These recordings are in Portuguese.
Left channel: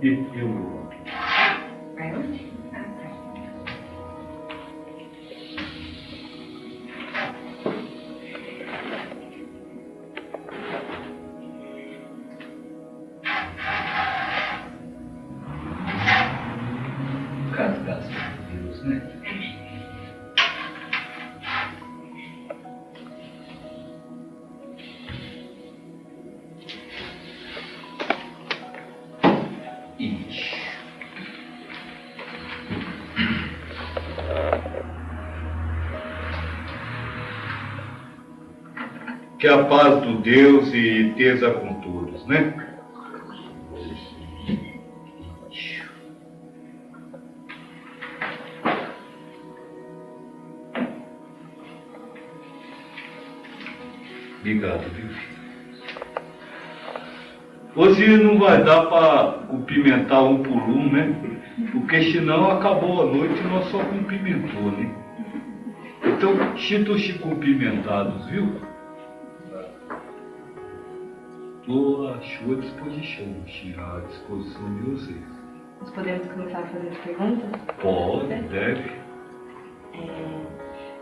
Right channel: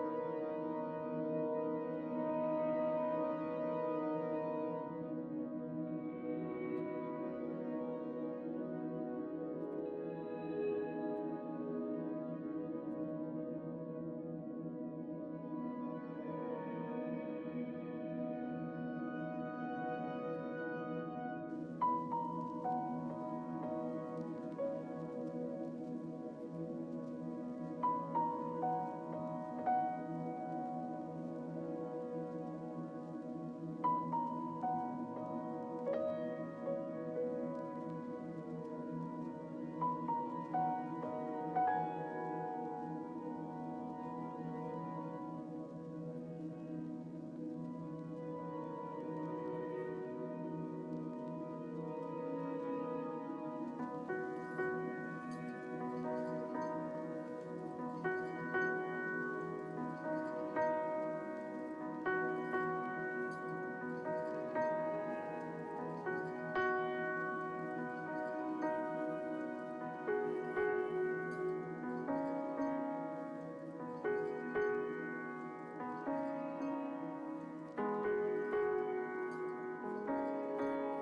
Eu... Graças a Deus, né? Que a paz do Deus e esteja com todos, né? Obrigado, viu? Hoje não vai dar para cumprimentar um por um, né? Porque senão acabou a noite e nós só cumprimentou, né? Então, sinto-se cumprimentados, viu? Estou à sua disposição, à disposição de vocês. Nós podemos começar a fazer as perguntas? Pode, deve.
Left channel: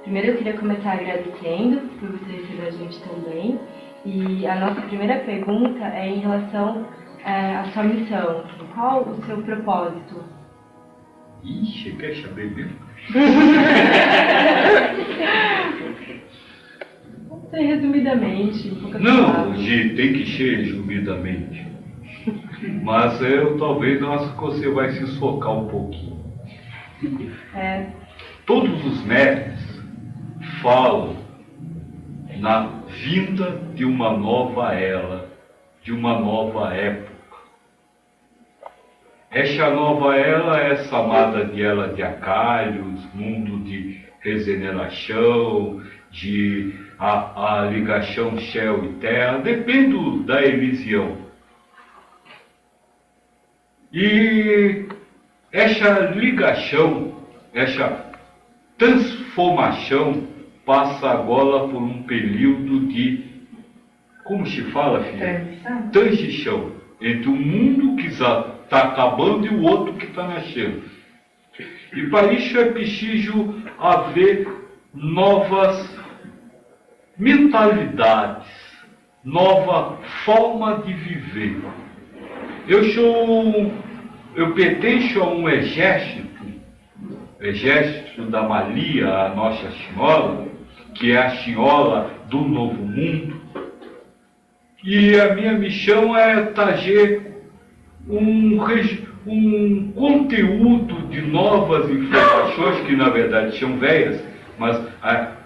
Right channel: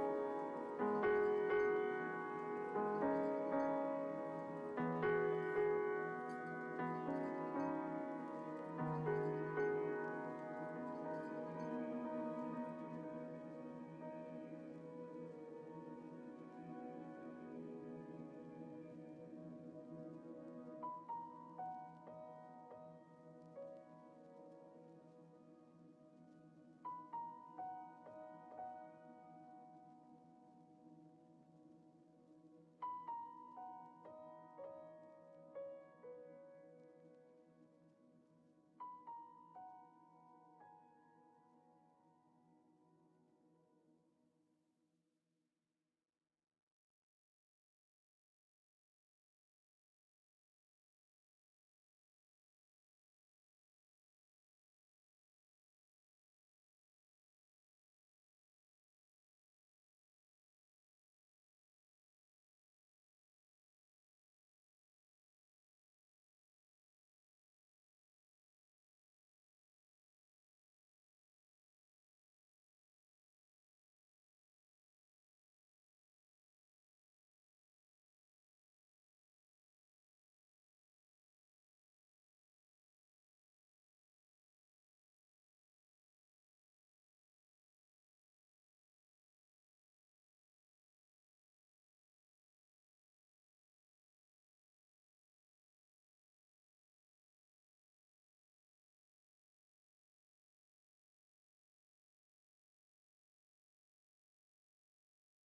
Primeiro eu queria começar agradecendo por você receber a gente também. E a nossa primeira pergunta é em relação à sua missão. Qual o seu propósito? Ixi, quer saber mesmo? Resumidamente, não, tem que ser resumidamente. Mas talvez acho que você vai se socar um pouquinho. Todos os mestres falam na vinda de uma nova era, de uma nova época. Essa nova era é chamada de era de Acálios, mundo de regeneração, de a ligação céu e terra, depende da religião. E essa ligação, essa transformação passa agora por um período de, como se fala, filha? Transição entre o mundo que já está acabando e o outro que está nascendo. E para isso é preciso haver novas mentalidades, nova forma de viver. Eu pertenço a um exército da Maria, a Nossa Senhora, que é a Senhora do Novo Mundo. E a minha missão é trazer um conteúdo de novas informações, que na verdade são velhas, mas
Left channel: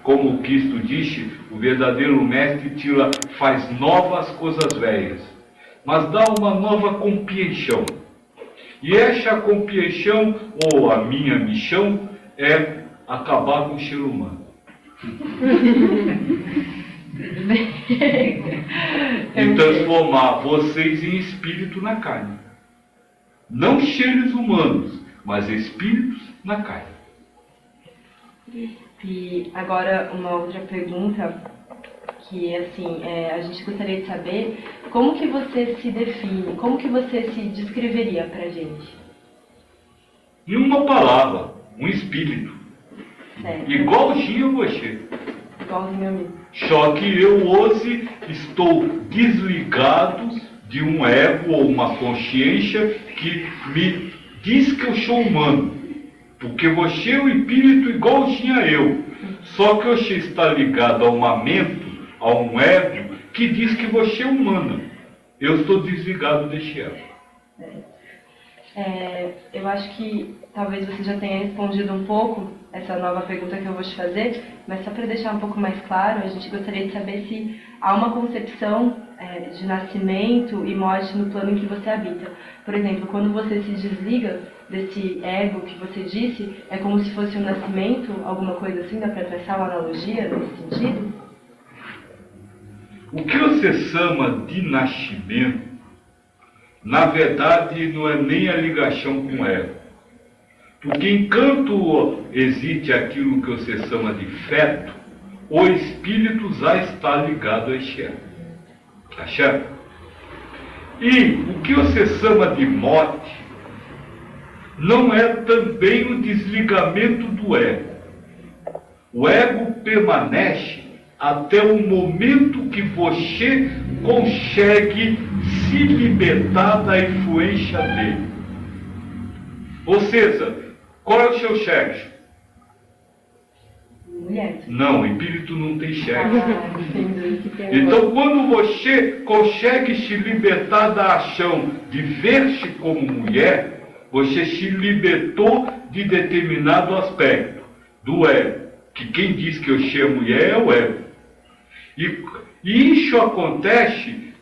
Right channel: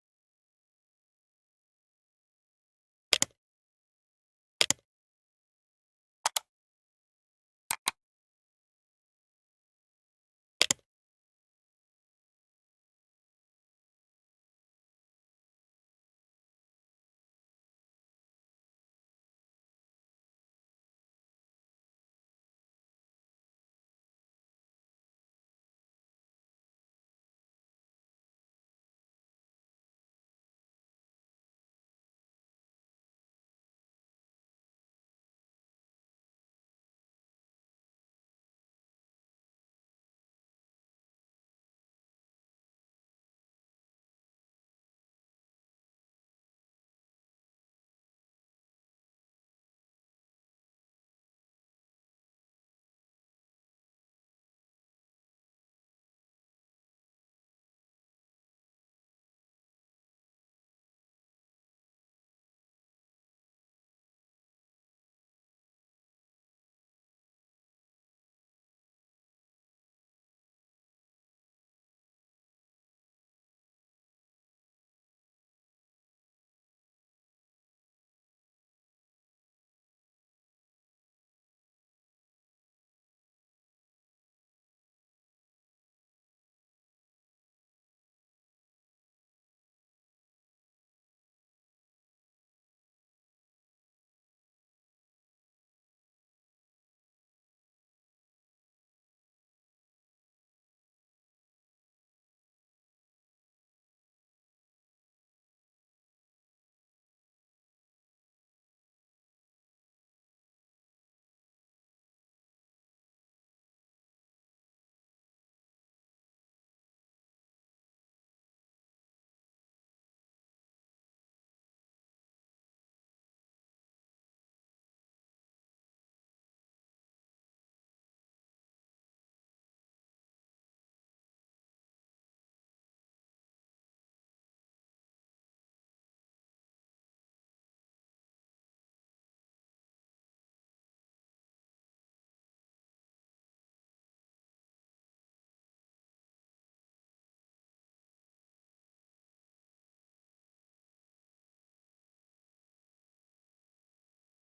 como o Cristo disse, o verdadeiro mestre faz novas coisas velhas, mas dá uma nova compreensão. E essa compreensão, ou a minha missão, é acabar com o ser humano. E transformar vocês em espírito na carne. Não seres humanos, mas espíritos na carne. E agora uma outra pergunta, que assim, a gente gostaria de saber como que você se define, como que você se descreveria pra gente? Em uma palavra, um espírito. Certo. Igualzinho a você. Igualzinho a mim. Só que eu hoje estou desligado de um ego ou uma consciência que me diz que eu sou humano. Porque você é um espírito igualzinho a eu. Só que você está ligado a uma mente, a um ego, que diz que você é humano. Eu estou desligado desse ego. Eu acho que talvez você já tenha respondido um pouco essa nova pergunta que eu vou te fazer, mas só para deixar um pouco mais claro, a gente gostaria de saber se há uma concepção de nascimento e morte no plano em que você habita. Por exemplo, quando você se desliga desse ego que você disse, é como se fosse um nascimento, alguma coisa assim? Dá para traçar uma analogia nesse sentido? O que você chama de nascimento, na verdade, não é nem a ligação com o ego. Porque enquanto existe aquilo que você chama de feto, o espírito já está ligado a esse ego. Tá certo? E o que você chama de morte não é também o desligamento do ego. O ego permanece até o momento que você consegue se libertar da influência dele. Ou seja, qual é o seu sexo? Mulher. Não, o espírito não tem sexo. Entendo. Então, quando você consegue se libertar da ação de ver-se como mulher, você se libertou de determinado aspecto do ego. Que quem diz que eu sou mulher é o ego. E isso acontece,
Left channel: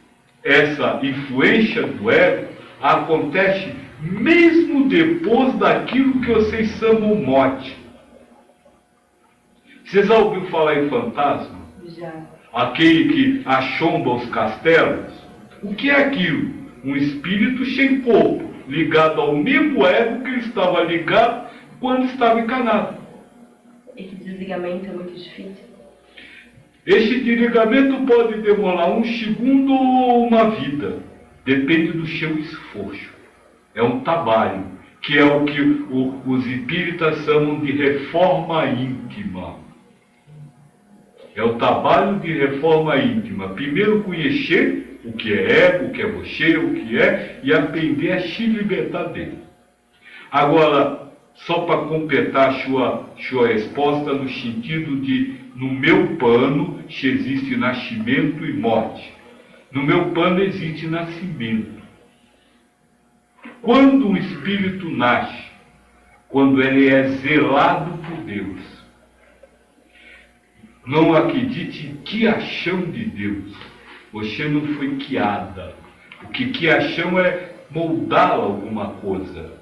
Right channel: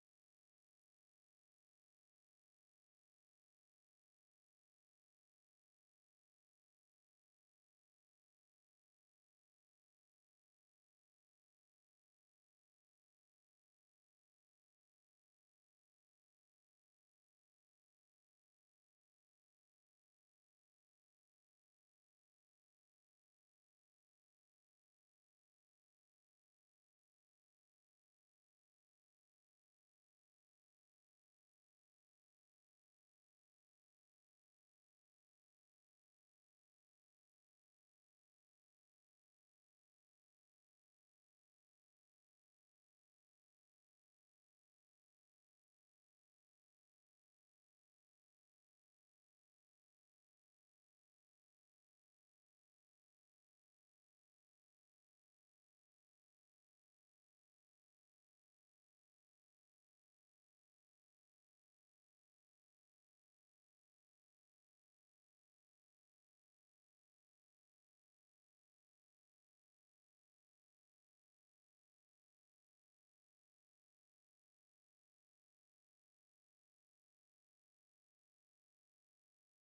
essa influência do ego, acontece mesmo depois daquilo que vocês chamam morte. Vocês já ouviram falar em fantasma? Já. Aquele que assomba os castelos? O que é aquilo? Um espírito sem corpo, ligado ao mesmo ego que ele estava ligado quando estava encarnado. Esse desligamento é muito difícil? Esse desligamento pode demorar um segundo ou uma vida. Depende do seu esforço. É um trabalho, que é o que os espíritas chamam de reforma íntima. É o trabalho de reforma íntima. Primeiro conhecer o que é ego, o que é você, o que é, e aprender a se libertar dele. Agora, só para completar sua resposta no sentido de, no meu plano, se existe nascimento e morte. No meu plano existe nascimento. Quando um espírito nasce, quando ele é zelado por Deus, não acredite em quiação de Deus. Você não foi quiada. O que quiação é moldar alguma coisa.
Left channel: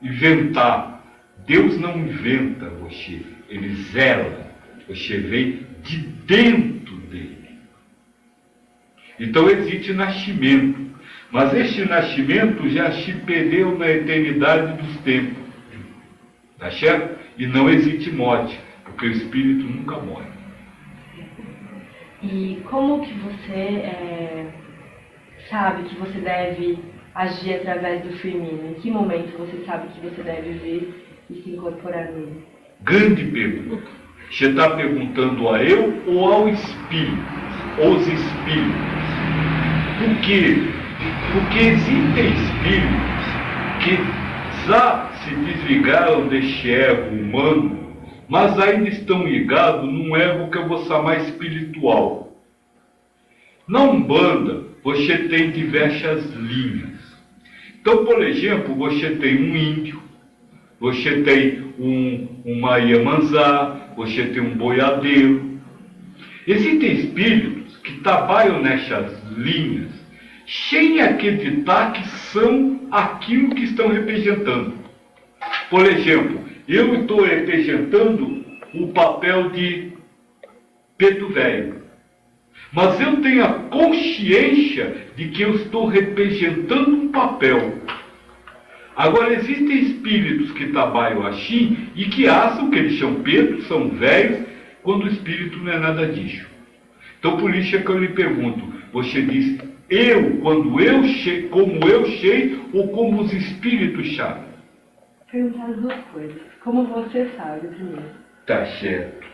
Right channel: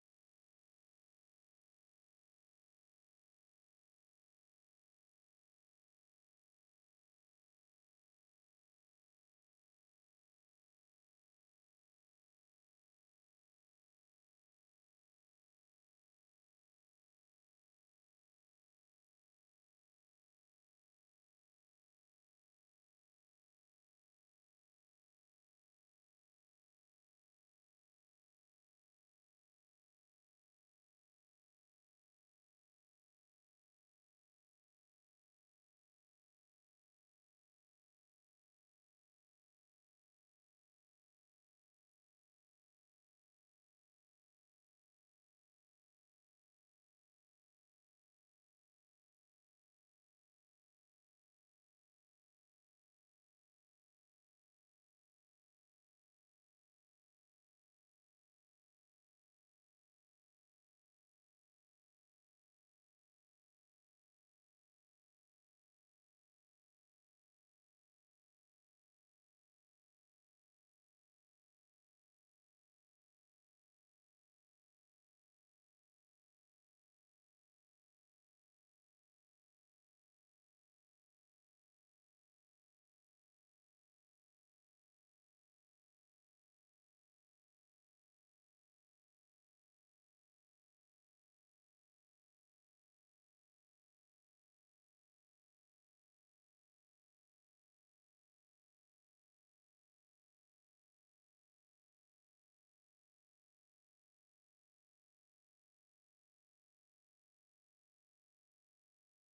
Inventar. Deus não inventa você. Ele zela. Você vem de dentro dele. Então existe nascimento. Mas este nascimento já se perdeu na eternidade dos tempos. Tá certo? E não existe morte. Porque o espírito nunca morre. E como que você sabe que você deve agir através do Firmino? Em que momento você sabe que você deve vir e se incorporar nele? Grande pergunta. Você está perguntando a eu ou ao espírito? Os espíritos. Por quê? Porque existem espíritos que já se desligaram deste ego humano, mas ainda estão ligados num ego que eu vou chamar espiritual. Na Umbanda, você tem diversas linhas. Então, por exemplo, você tem um índio, você tem uma Iemanjá, você tem um boiadeiro. Existem espíritos que trabalham nessas linhas sem acreditar que são aquilo que estão representando. Por exemplo, eu estou representando o papel de Pedro Velho. Mas eu tenho a consciência de que eu estou representando um papel. Agora, existem espíritos que trabalham assim e que acham que eles são Pedro, são velhos, quando o espírito não é nada disso. Então, por isso é que eu lhe pergunto, você diz eu, quando eu sei, como eu sei, ou como os espíritos sabem? Perguntar as duas coisas. Como você sabe, primeiro? Tá certo.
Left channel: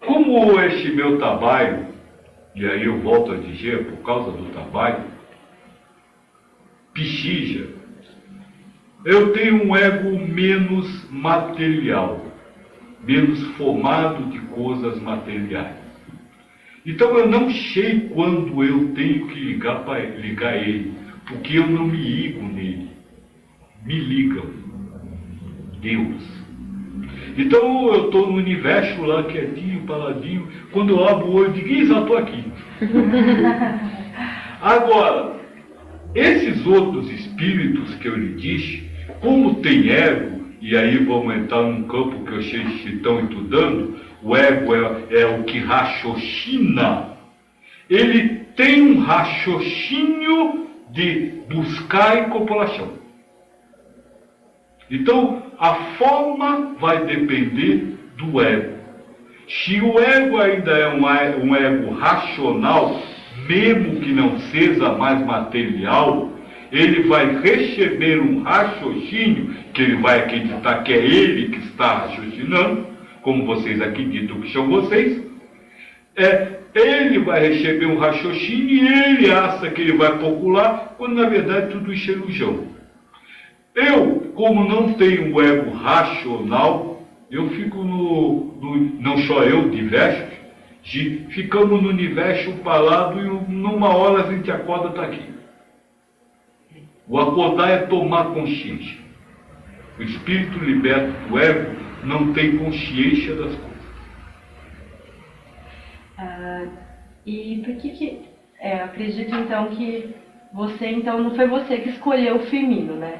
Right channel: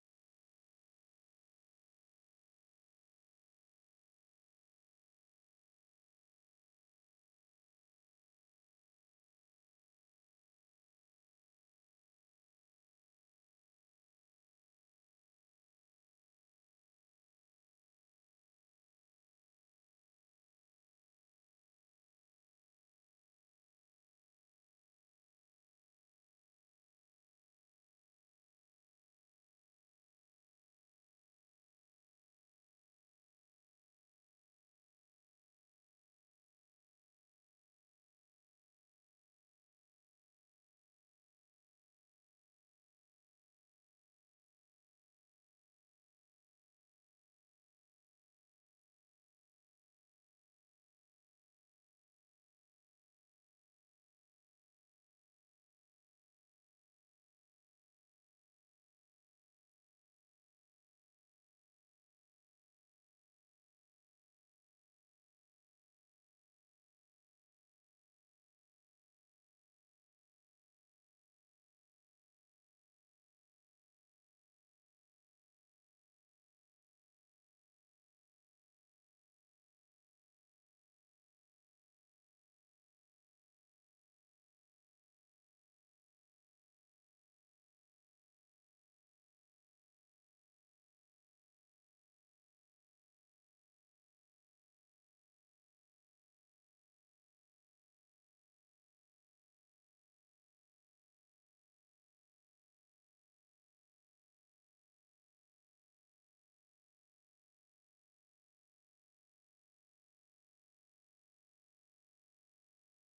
Como este meu trabalho, e aí eu volto a dizer, por causa do trabalho, psija, eu tenho um ego menos material, menos formado de coisas materiais. Então eu não sei quando eu tenho que ligar ele, porque eu não me ligo nele. Me ligam. Deus. Então eu estou no universo lá, quietinho, paladinho, quando eu abro o olho e digo, já estou aqui. Agora, esses outros espíritos que eu lhe disse, como tem ego, e aí vamos entrar num campo que vocês estão estudando, o ego é o que raciocina. Ele tem um raciocínio de buscar incorporação. Então, a forma vai depender do ego. Se o ego ainda é um ego racional, mesmo que não seja mais material, ele vai receber um raciocínio, que ele vai acreditar que é ele que está raciocinando, como vocês acreditam que são vocês. Ele vai receber um raciocínio e ele acha que ele vai popular, quando na verdade tudo isso é ilusão. Eu, como não tenho o ego racional, eu fico não só eu, diversos, ficamos no universo parado e numa hora a gente acorda está aqui. O acordar é tomar consciência. O espírito liberto do ego não tem consciência das coisas. E por que eu acredito então que não foi você que escolheu o feminino, né?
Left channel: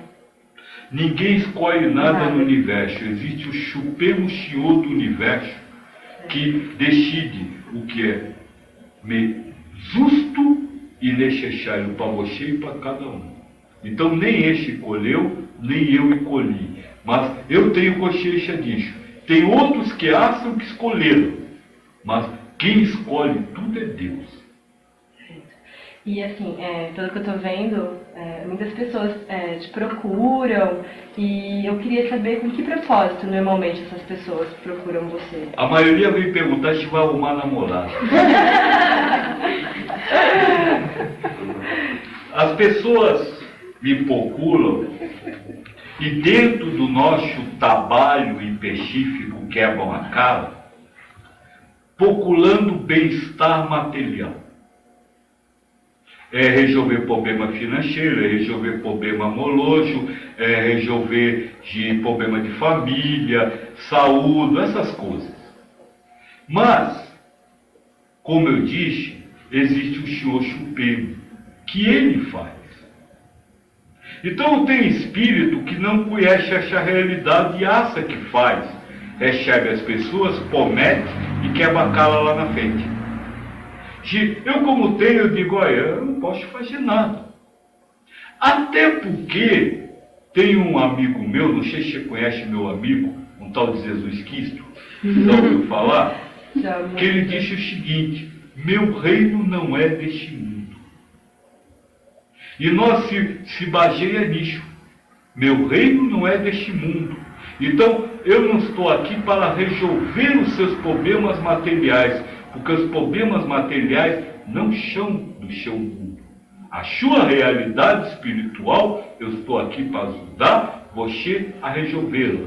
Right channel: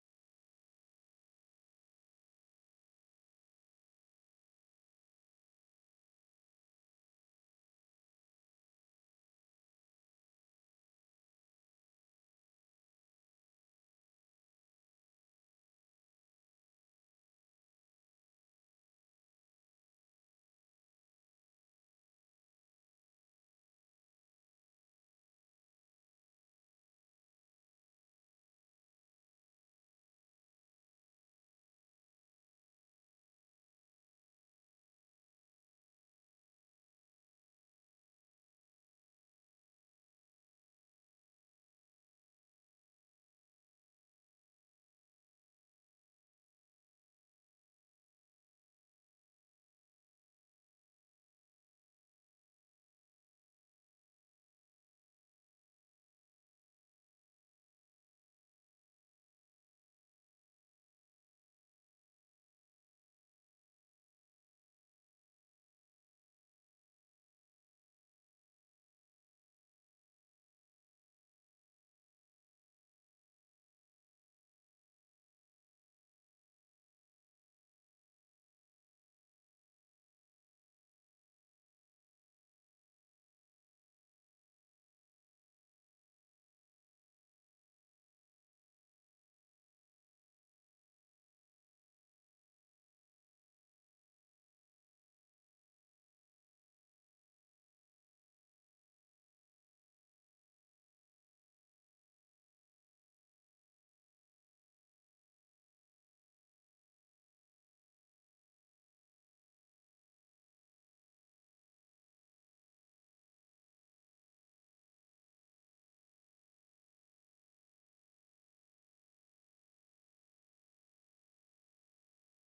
Ninguém escolhe nada no universo. Existe o Supremo Senhor do universo que decide o que é justo e necessário para você e para cada um. Então nem esse escolheu, nem eu escolhi. Mas eu tenho consciência disso. Tem outros que acham que escolheram, mas quem escolhe tudo é Deus. E assim, pelo que eu estou vendo, muitas pessoas te procuram e eu queria saber com que propósito normalmente essas pessoas procuram você. A maioria vem perguntar se vai arrumar namorado. As pessoas me procuram e dentro do nosso trabalho específico quebram a cara, procurando bem-estar material. Resolver problema financeiro, resolver problema amoroso, resolver problema de família, saúde, essas coisas. Mas, como eu disse, existe o Senhor Supremo, que Ele faz. Então tem espírito que não conhece essa realidade e acha que faz. Recebe as pessoas, promete e quebra a cara lá na frente. Eu como tenho, eu digo, olha, eu não posso fazer nada. Até porque tem um amigo meu, não sei se você conhece meu amigo, um tal de Jesus Cristo, já ouviu falar? Que ele disse o seguinte: meu reino não é deste mundo. E nós se baseia nisso. Meu reino não é deste mundo. Então, eu não estou aqui para resolver os seus problemas materiais, porque os problemas materiais não são do seu mundo. A sua realidade espiritual, eu estou aqui para ajudar você a resolvê-la.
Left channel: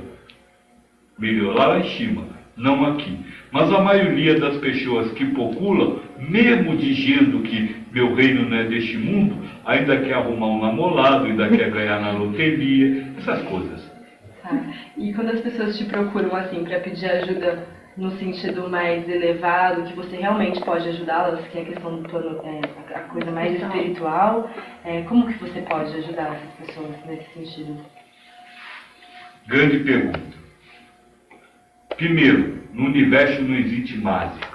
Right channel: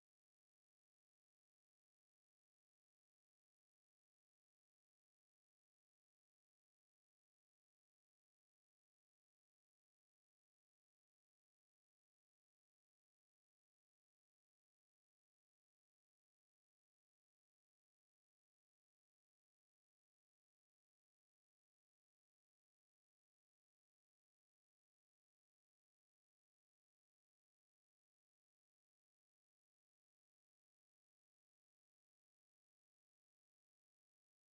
Melhorar lá em cima, não aqui. Mas a maioria das pessoas que procuram, mesmo dizendo que meu reino não é deste mundo, ainda quer arrumar um namorado, ainda quer ganhar na loteria, essas coisas. E quando as pessoas te procuram assim para pedir ajuda no sentido mais elevado, que você realmente pode ajudá-las, que é a questão do plano, a coisa mais espiritual, como que você pode ajudar essas pessoas nesse sentido? Grande pergunta. Primeiro, no universo não existe mágica.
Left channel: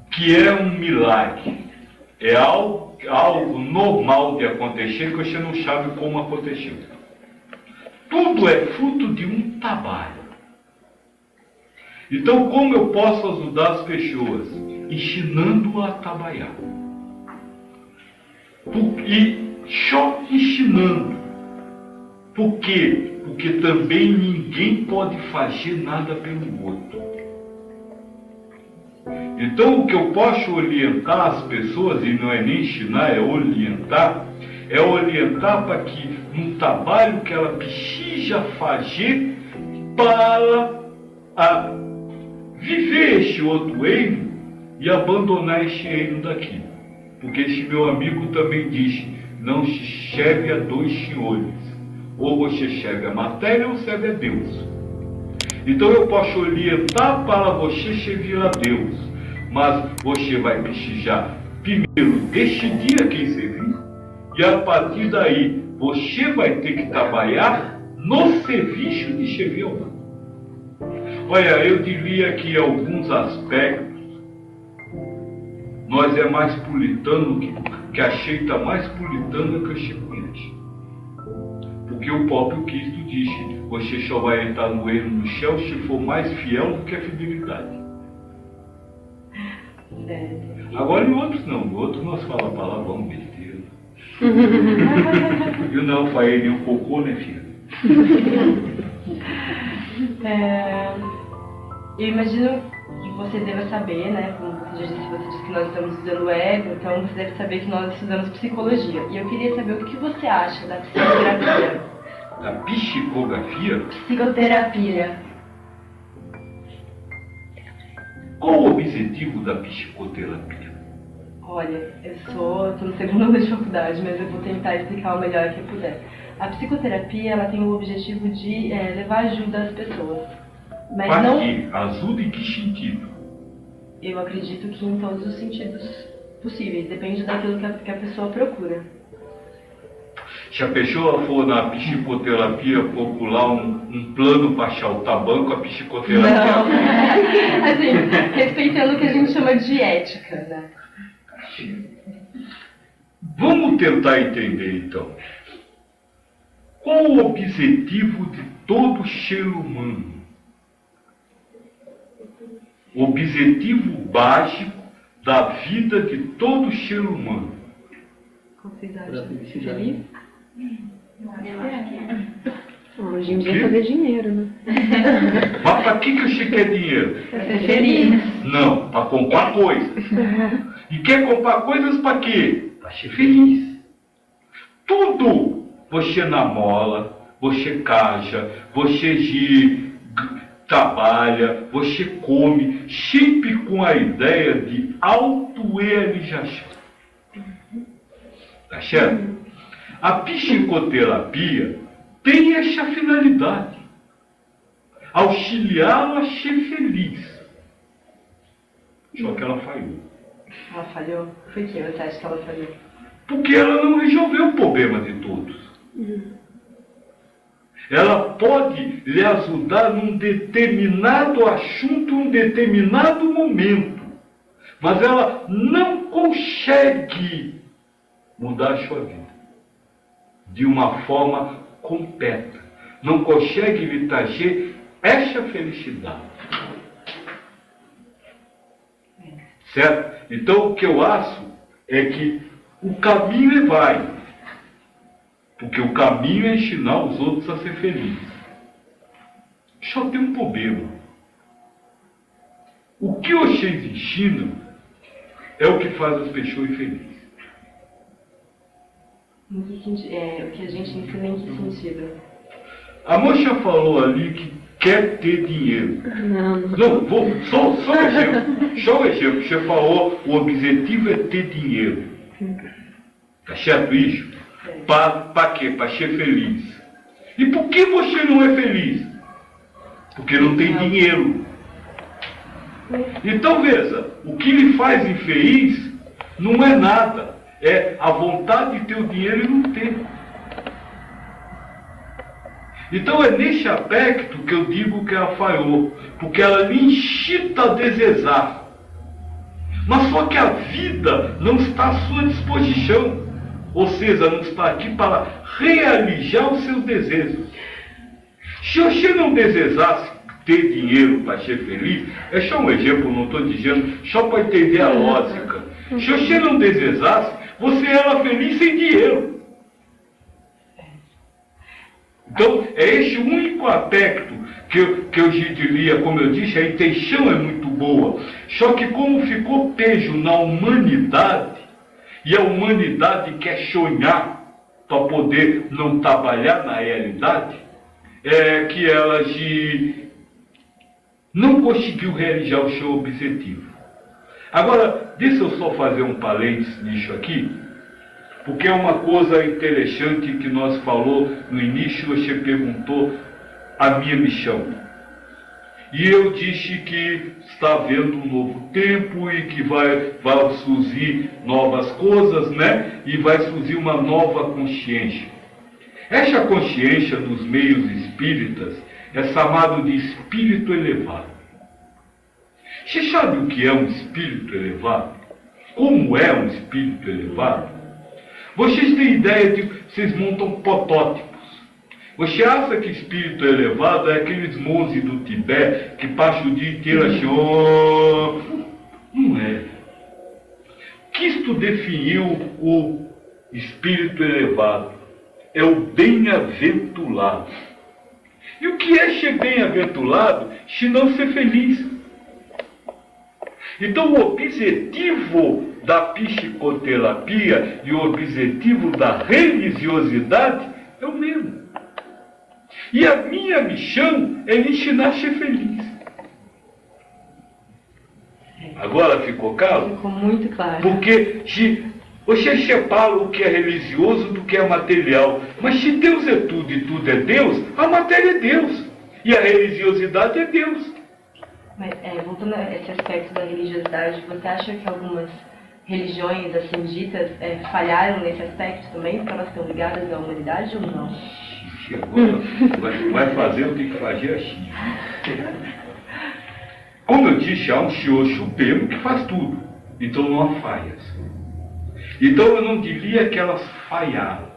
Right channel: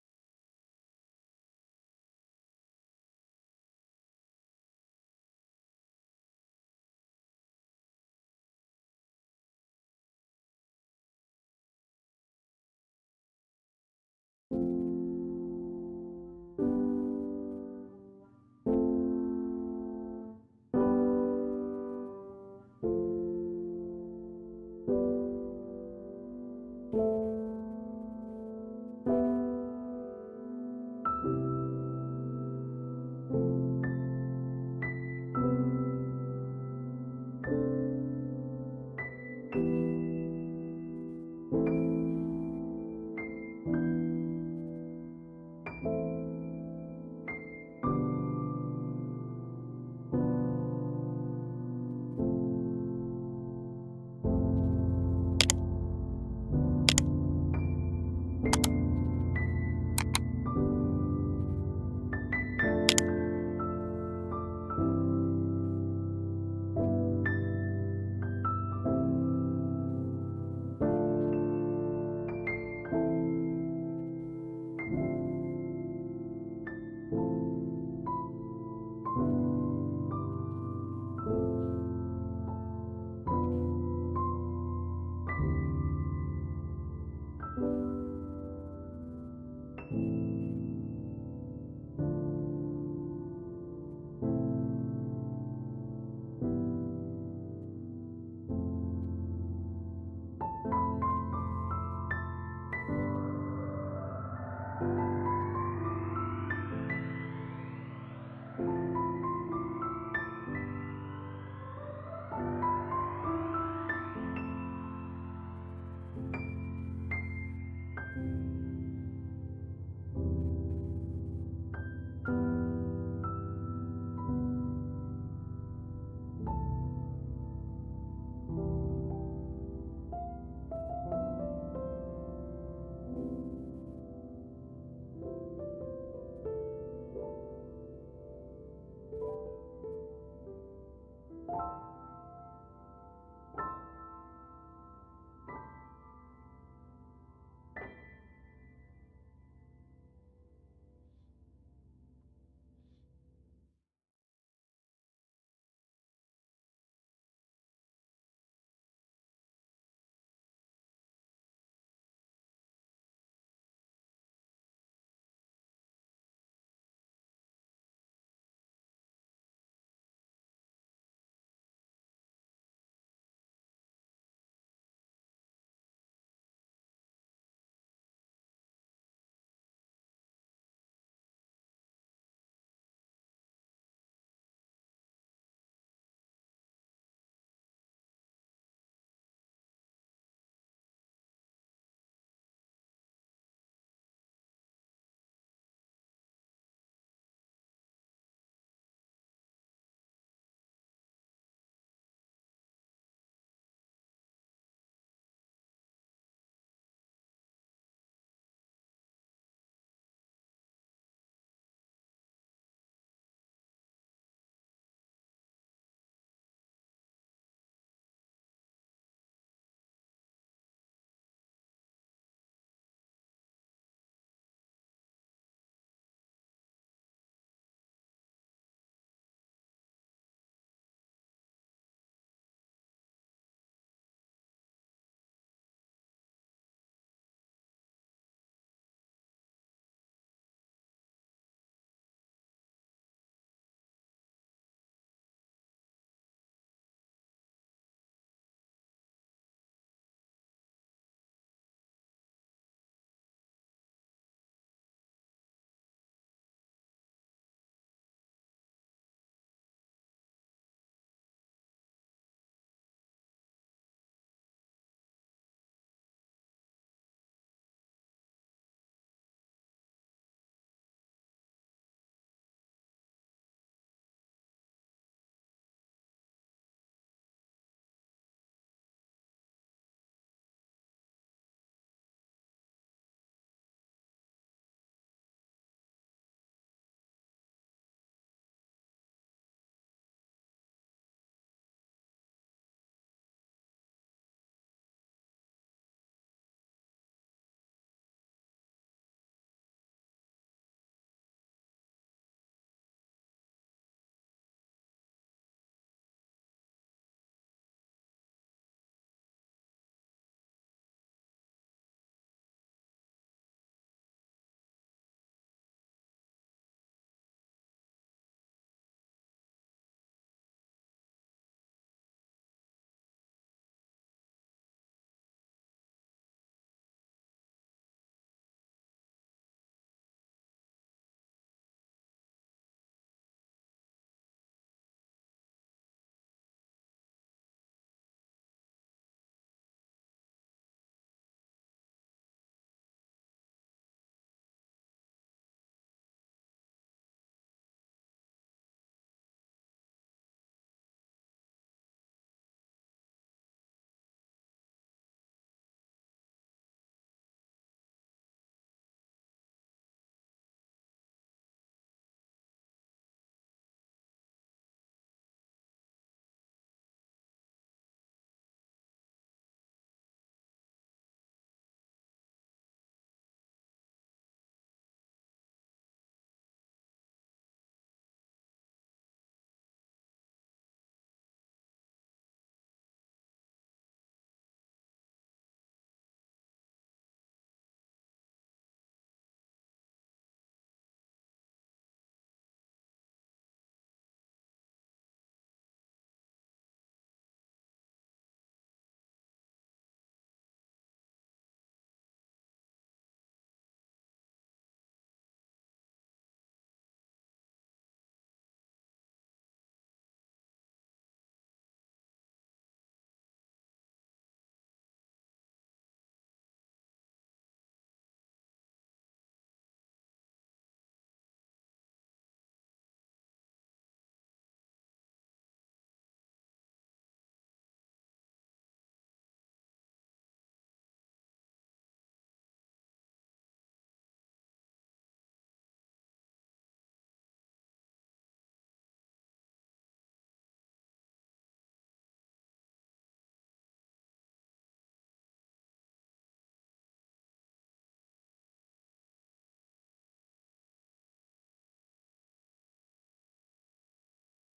O que é um milagre? É algo normal de acontecer que você não sabe como aconteceu. Tudo é fruto de um trabalho. Então, como eu posso ajudar as pessoas? Ensinando a trabalhar. E só ensinando. Por quê? Porque também ninguém pode fazer nada pelo outro. Então, o que eu posso orientar as pessoas, e não é nem ensinar, é orientar para que um trabalho que ela precisa fazer para viver este outro reino e abandonar este reino daqui. Porque esse meu amigo também disse, não se serve a dois senhores. Ou você serve a matéria ou serve a Deus. Então eu posso orientar para você servir a Deus. Mas você vai precisar primeiro decidir a quem servir. E a partir daí, você vai ter que trabalhar no serviço de servir ao outro. Olha, eu diria que em alguns aspectos, nós é mais puritano que a cheita mais puritana que a conhece. Porque o próprio Cristo disse, você só vai entrar no reino do céu se for mais fiel do que a fidelidade. Agora em outros não, em outros nós falamos palavrão, besteira. E não, para ele um cocô, né, filha? Eu imagino que você deva saber, né, como você já disse, você disse que nós estamos estudando ego, então você deve saber que nós estudamos psicologia. E eu queria saber o que você acha da psicoterapia. Da psicografia? Psicoterapia. Qual o objetivo da psicoterapia? Olha, eu estou no segundo ano de faculdade, mas eu vou tentar explicar o melhor que eu puder. A psicoterapia, ela tem o objetivo de levar ajuda às pessoas. Mas Para não... quê? Ajuda em que sentido? Eu acredito que em todos os sentidos possíveis, depende daquilo que a pessoa procura. Se a pessoa for na psicoterapia procurar um plano para achar o tabanco, a psicoterapia... Não, assim, respeitando o que a gente chama de ética, né? Vamos tentar entender então. Qual o objetivo de todo ser humano? O objetivo básico da vida de todo ser humano. Ser feliz? Hoje em dia é fazer dinheiro, né? Mas para que você quer dinheiro? Pra ser feliz. Não, para comprar coisas. E quer comprar coisas para quê? Para ser feliz. Tudo você namola, você casa, você trabalha, você come, sempre com a ideia de autorrealização. Tá certo? A psicoterapia tem essa finalidade. Auxiliá-lo a ser feliz. Só que ela falhou. Ela falhou? Por que você acha que ela falhou? Porque ela não resolveu o problema de todos. Ela pode lhe ajudar num determinado assunto, num determinado momento. Mas ela não consegue mudar a sua vida de uma forma completa. Não consegue lhe trazer essa felicidade. Certo? Então o que eu acho é que o caminho vai. Porque o caminho é ensinar os outros a ser felizes. Só tem um problema. O que vocês ensinam é o que faz as pessoas felizes. Em que sentido? O que a gente ensina em que sentido? A moça falou ali que quer ter dinheiro. Não, só um exemplo. Só um exemplo. Você falou, o objetivo é ter dinheiro. Tá certo isso? Para quê? Para ser feliz. E por que você não é feliz? Porque não tem dinheiro. Então veja, o que lhe faz infeliz não é nada. É a vontade de ter o dinheiro e não ter. Então é nesse aspecto que eu digo que ela falhou. Porque ela lhe incita a desejar. Mas só que a vida não está à sua disposição. Ou seja, não está aqui para realizar os seus desejos. Se você não desejasse ter dinheiro para ser feliz, é só um exemplo, não estou dizendo, só para entender a lógica. Se você não desejasse, você era feliz sem dinheiro. Então, é esse o único aspecto que eu diria, como eu disse, a intenção é muito boa. Só que como ficou peso na humanidade, e a humanidade quer sonhar para poder não trabalhar na realidade, é que ela não conseguiu realizar o seu objetivo. Agora, deixa eu só fazer um parênteses nisso aqui, porque é uma coisa interessante que nós falou no início, você perguntou a minha missão. E eu disse que está havendo um novo tempo e que vai surgir novas coisas, né? E vai surgir uma nova consciência. Essa consciência nos meios espíritas é chamado de espírito elevado. Você sabe o que é um espírito elevado? Como é um espírito elevado? Vocês têm ideia de que vocês montam protótipos. Você acha que espírito elevado é aqueles monges do Tibete que passam o dia inteiro achando... Não é. Cristo definiu o espírito elevado. É o bem-aventurado. E o que é ser bem-aventurado se não ser feliz? Então o objetivo da psicoterapia e o objetivo da religiosidade é o mesmo. E a minha missão é lhe ensinar a ser feliz. Agora ficou claro? Ficou muito claro. Porque se você separa o que é religioso do que é material. Mas se Deus é tudo e tudo é Deus, a matéria é Deus. E a religiosidade é Deus. Mas, voltando a esse aspecto da religiosidade, você acha que algumas religiões, assim ditas, falharam nesse aspecto também, porque elas estão ligadas à humanidade ou não? Agora vai fazer o que tem que fazer assim. Como eu disse, há um Senhor Supremo que faz tudo. Então não há falhas. Então eu não diria que elas falharam.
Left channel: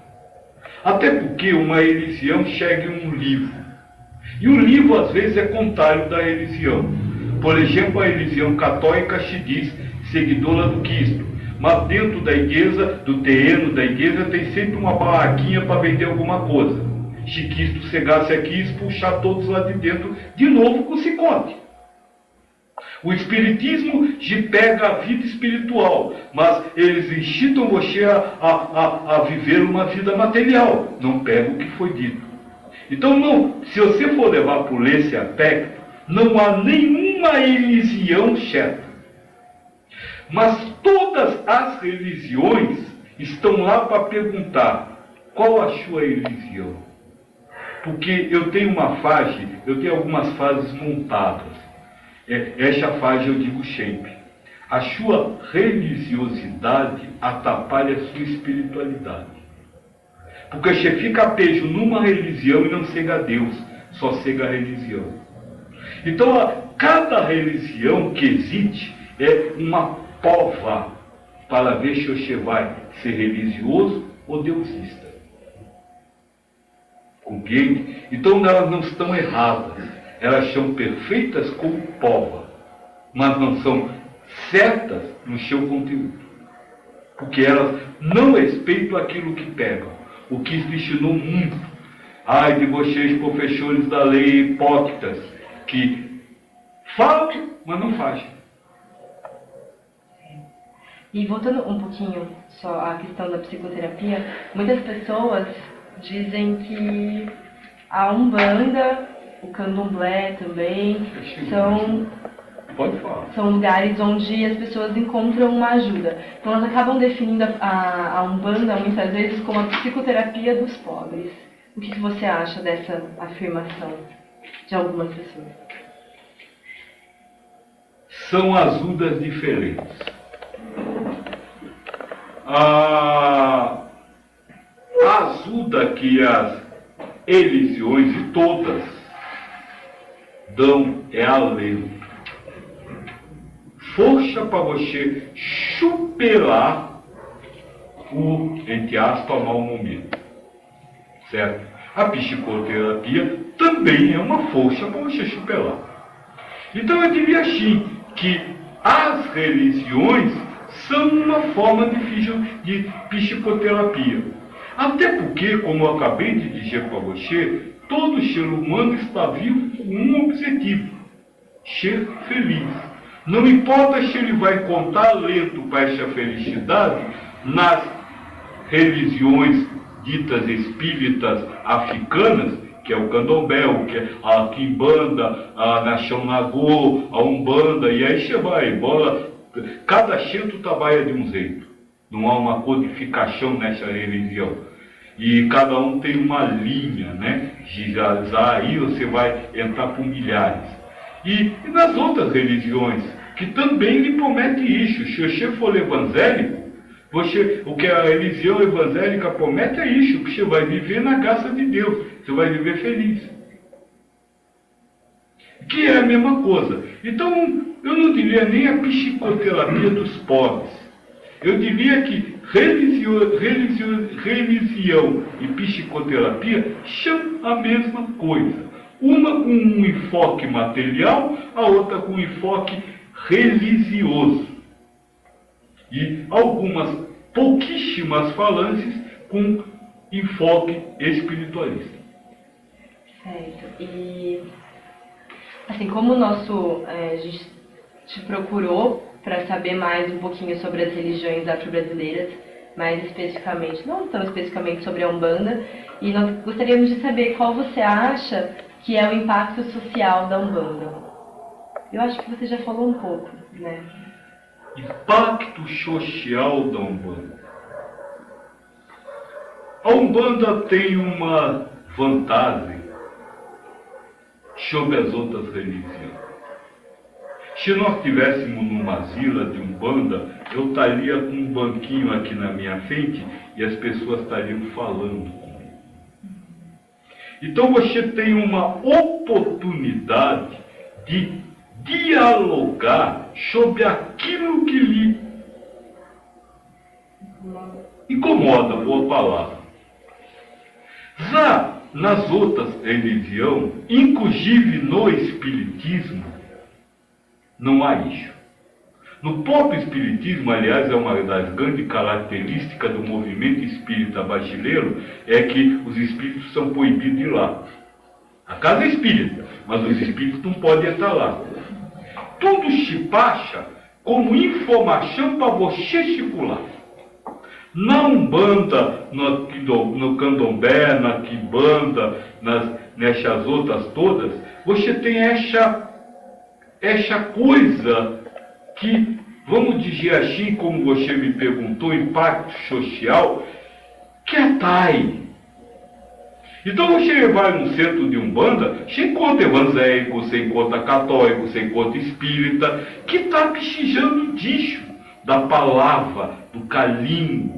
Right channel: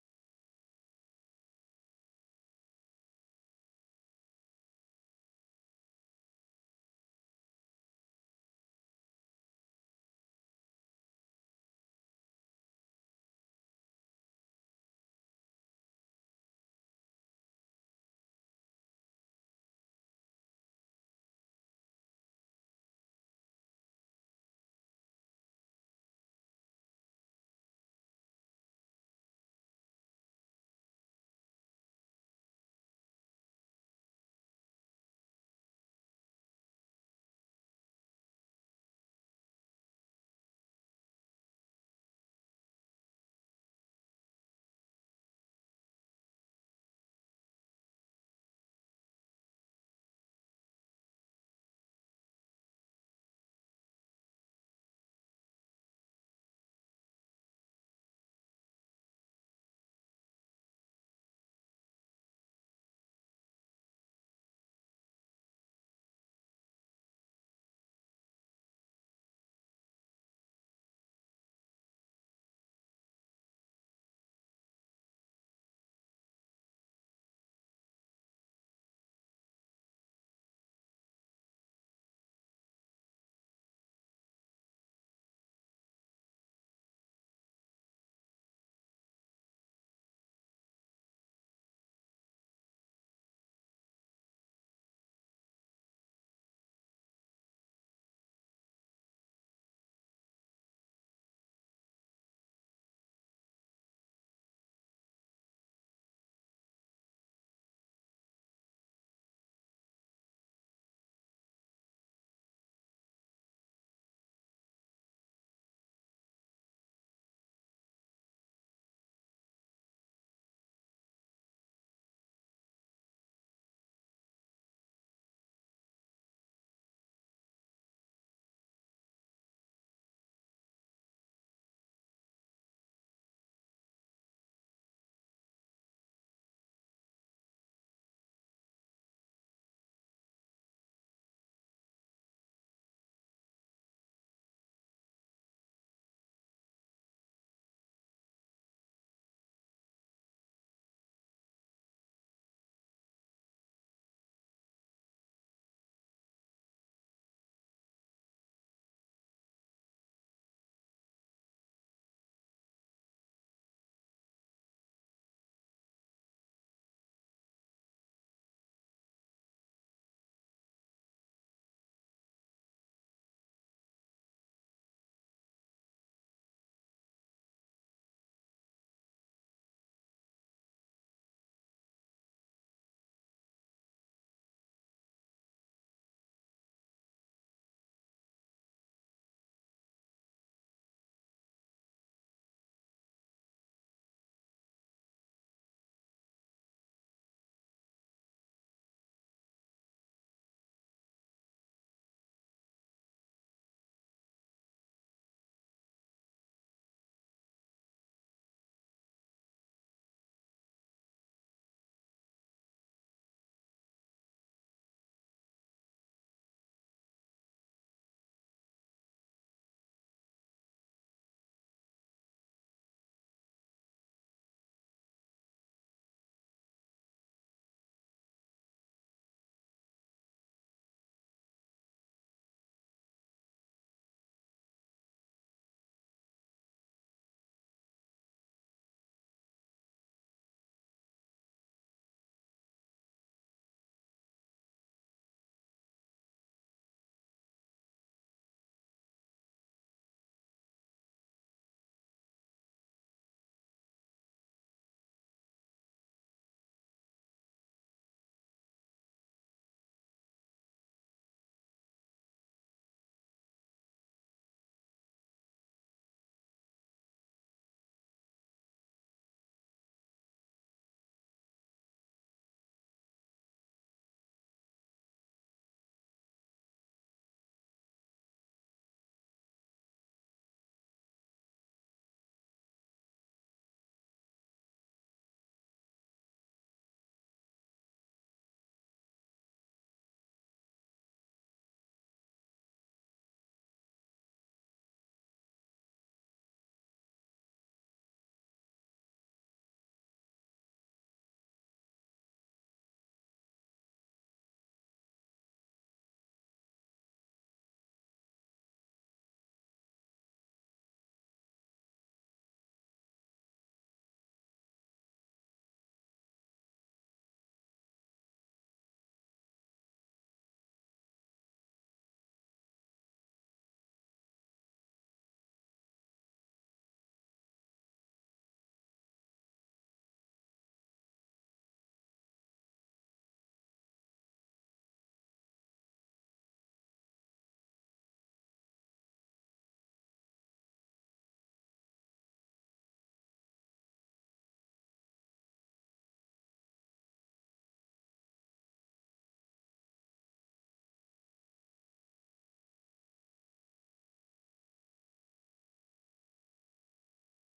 Até porque uma religião chega em um livro. E o livro às vezes é contrário da religião. Por exemplo, a religião católica se diz seguidora do Cristo. Mas dentro da igreja, do terreno da igreja, tem sempre uma barraquinha para vender alguma coisa. Se Cristo chegasse aqui, expulsar todos lá de dentro, de novo com o cicote. O espiritismo te pega a vida espiritual, mas eles incitam você a viver uma vida material. Não pega o que foi dito. Então, não, se você for levar por esse aspecto, não há nenhuma religião certa. Mas todas as religiões estão lá para perguntar qual a sua religião. Porque eu tenho algumas fases montadas. Essa fase eu digo sempre. A sua religiosidade atrapalha a sua espiritualidade. Porque você fica preso numa religião e não chega a Deus, só chega a religião. Então, cada religião que existe é uma prova para ver se você vai ser religioso ou deusista. Compreende? Então, elas não estão erradas. Elas são perfeitas como prova, mas não são certas no seu conteúdo. Porque elas não respeitam aquilo que pegam. O que ensinou muito. Ai de vocês, professores da lei, hipócritas, que falam, mas não fazem. E voltando um pouquinho só à questão da psicoterapia, muitas pessoas dizem que a Umbanda, o Candomblé também, são lugares onde as pessoas encontram uma ajuda. Então elas acabam definindo a Umbanda muitas vezes como a psicoterapia dos pobres. O que você acha dessa afirmação de algumas pessoas? São ajudas diferentes. A ajuda que as religiões, e todas, dão é alento. Força para você superar o, entre aspas, mau momento. Certo? A psicoterapia também é uma força para você superar. Então eu diria assim, que as religiões são uma forma de psicoterapia. Até porque, como eu acabei de dizer para você, todo ser humano está vivo com um objetivo: ser feliz. Não importa se ele vai contar lento para essa felicidade nas religiões ditas espíritas africanas, que é o Candomblé, que é a Quimbanda, a Nação Nagô, a Umbanda, e aí você vai embora. Cada centro trabalha de um jeito. Não há uma codificação nessa religião. E cada um tem uma linha, né? Aí você vai entrar por milhares. E nas outras religiões, que também lhe promete isso. Se você for evangélico, o que a religião evangélica promete é isso, que você vai viver na graça de Deus, você vai viver feliz. Que é a mesma coisa. Então, eu não diria nem a psicoterapia dos pobres. Eu diria que religião e psicoterapia são a mesma coisa. Uma com um enfoque material, a outra com um enfoque religioso. E algumas pouquíssimas falanges com enfoque espiritualista. Certo. E, assim, como a gente te procurou para saber mais um pouquinho sobre as religiões afro-brasileiras, mais especificamente, não tão especificamente sobre a Umbanda, e nós gostaríamos de saber qual você acha que é o impacto social da Umbanda. Eu acho que você já falou um pouco, né? Impacto social da Umbanda. A Umbanda tem uma vantagem sobre as outras religiões. Se nós estivéssemos numa vila de Umbanda, eu estaria com um banquinho aqui na minha frente e as pessoas estariam falando comigo. Então você tem uma oportunidade de dialogar sobre aquilo que lhe incomoda, boa palavra. Já nas outras religiões, inclusive no Espiritismo, não há isso. No próprio Espiritismo, aliás, é uma das grandes características do movimento espírita brasileiro, é que os espíritos são proibidos de ir lá. A casa é espírita, mas os espíritos não podem entrar lá. Tudo se passa como informação para você circular. Na Umbanda, no Candomblé, na Quimbanda, nessas outras todas, você tem essa coisa que, vamos dizer assim, como você me perguntou, impacto social, que atrai. Então você vai num centro de Umbanda, você encontra evangélico, você encontra católico, você encontra espírita, que está precisando disso, da palavra, do carinho,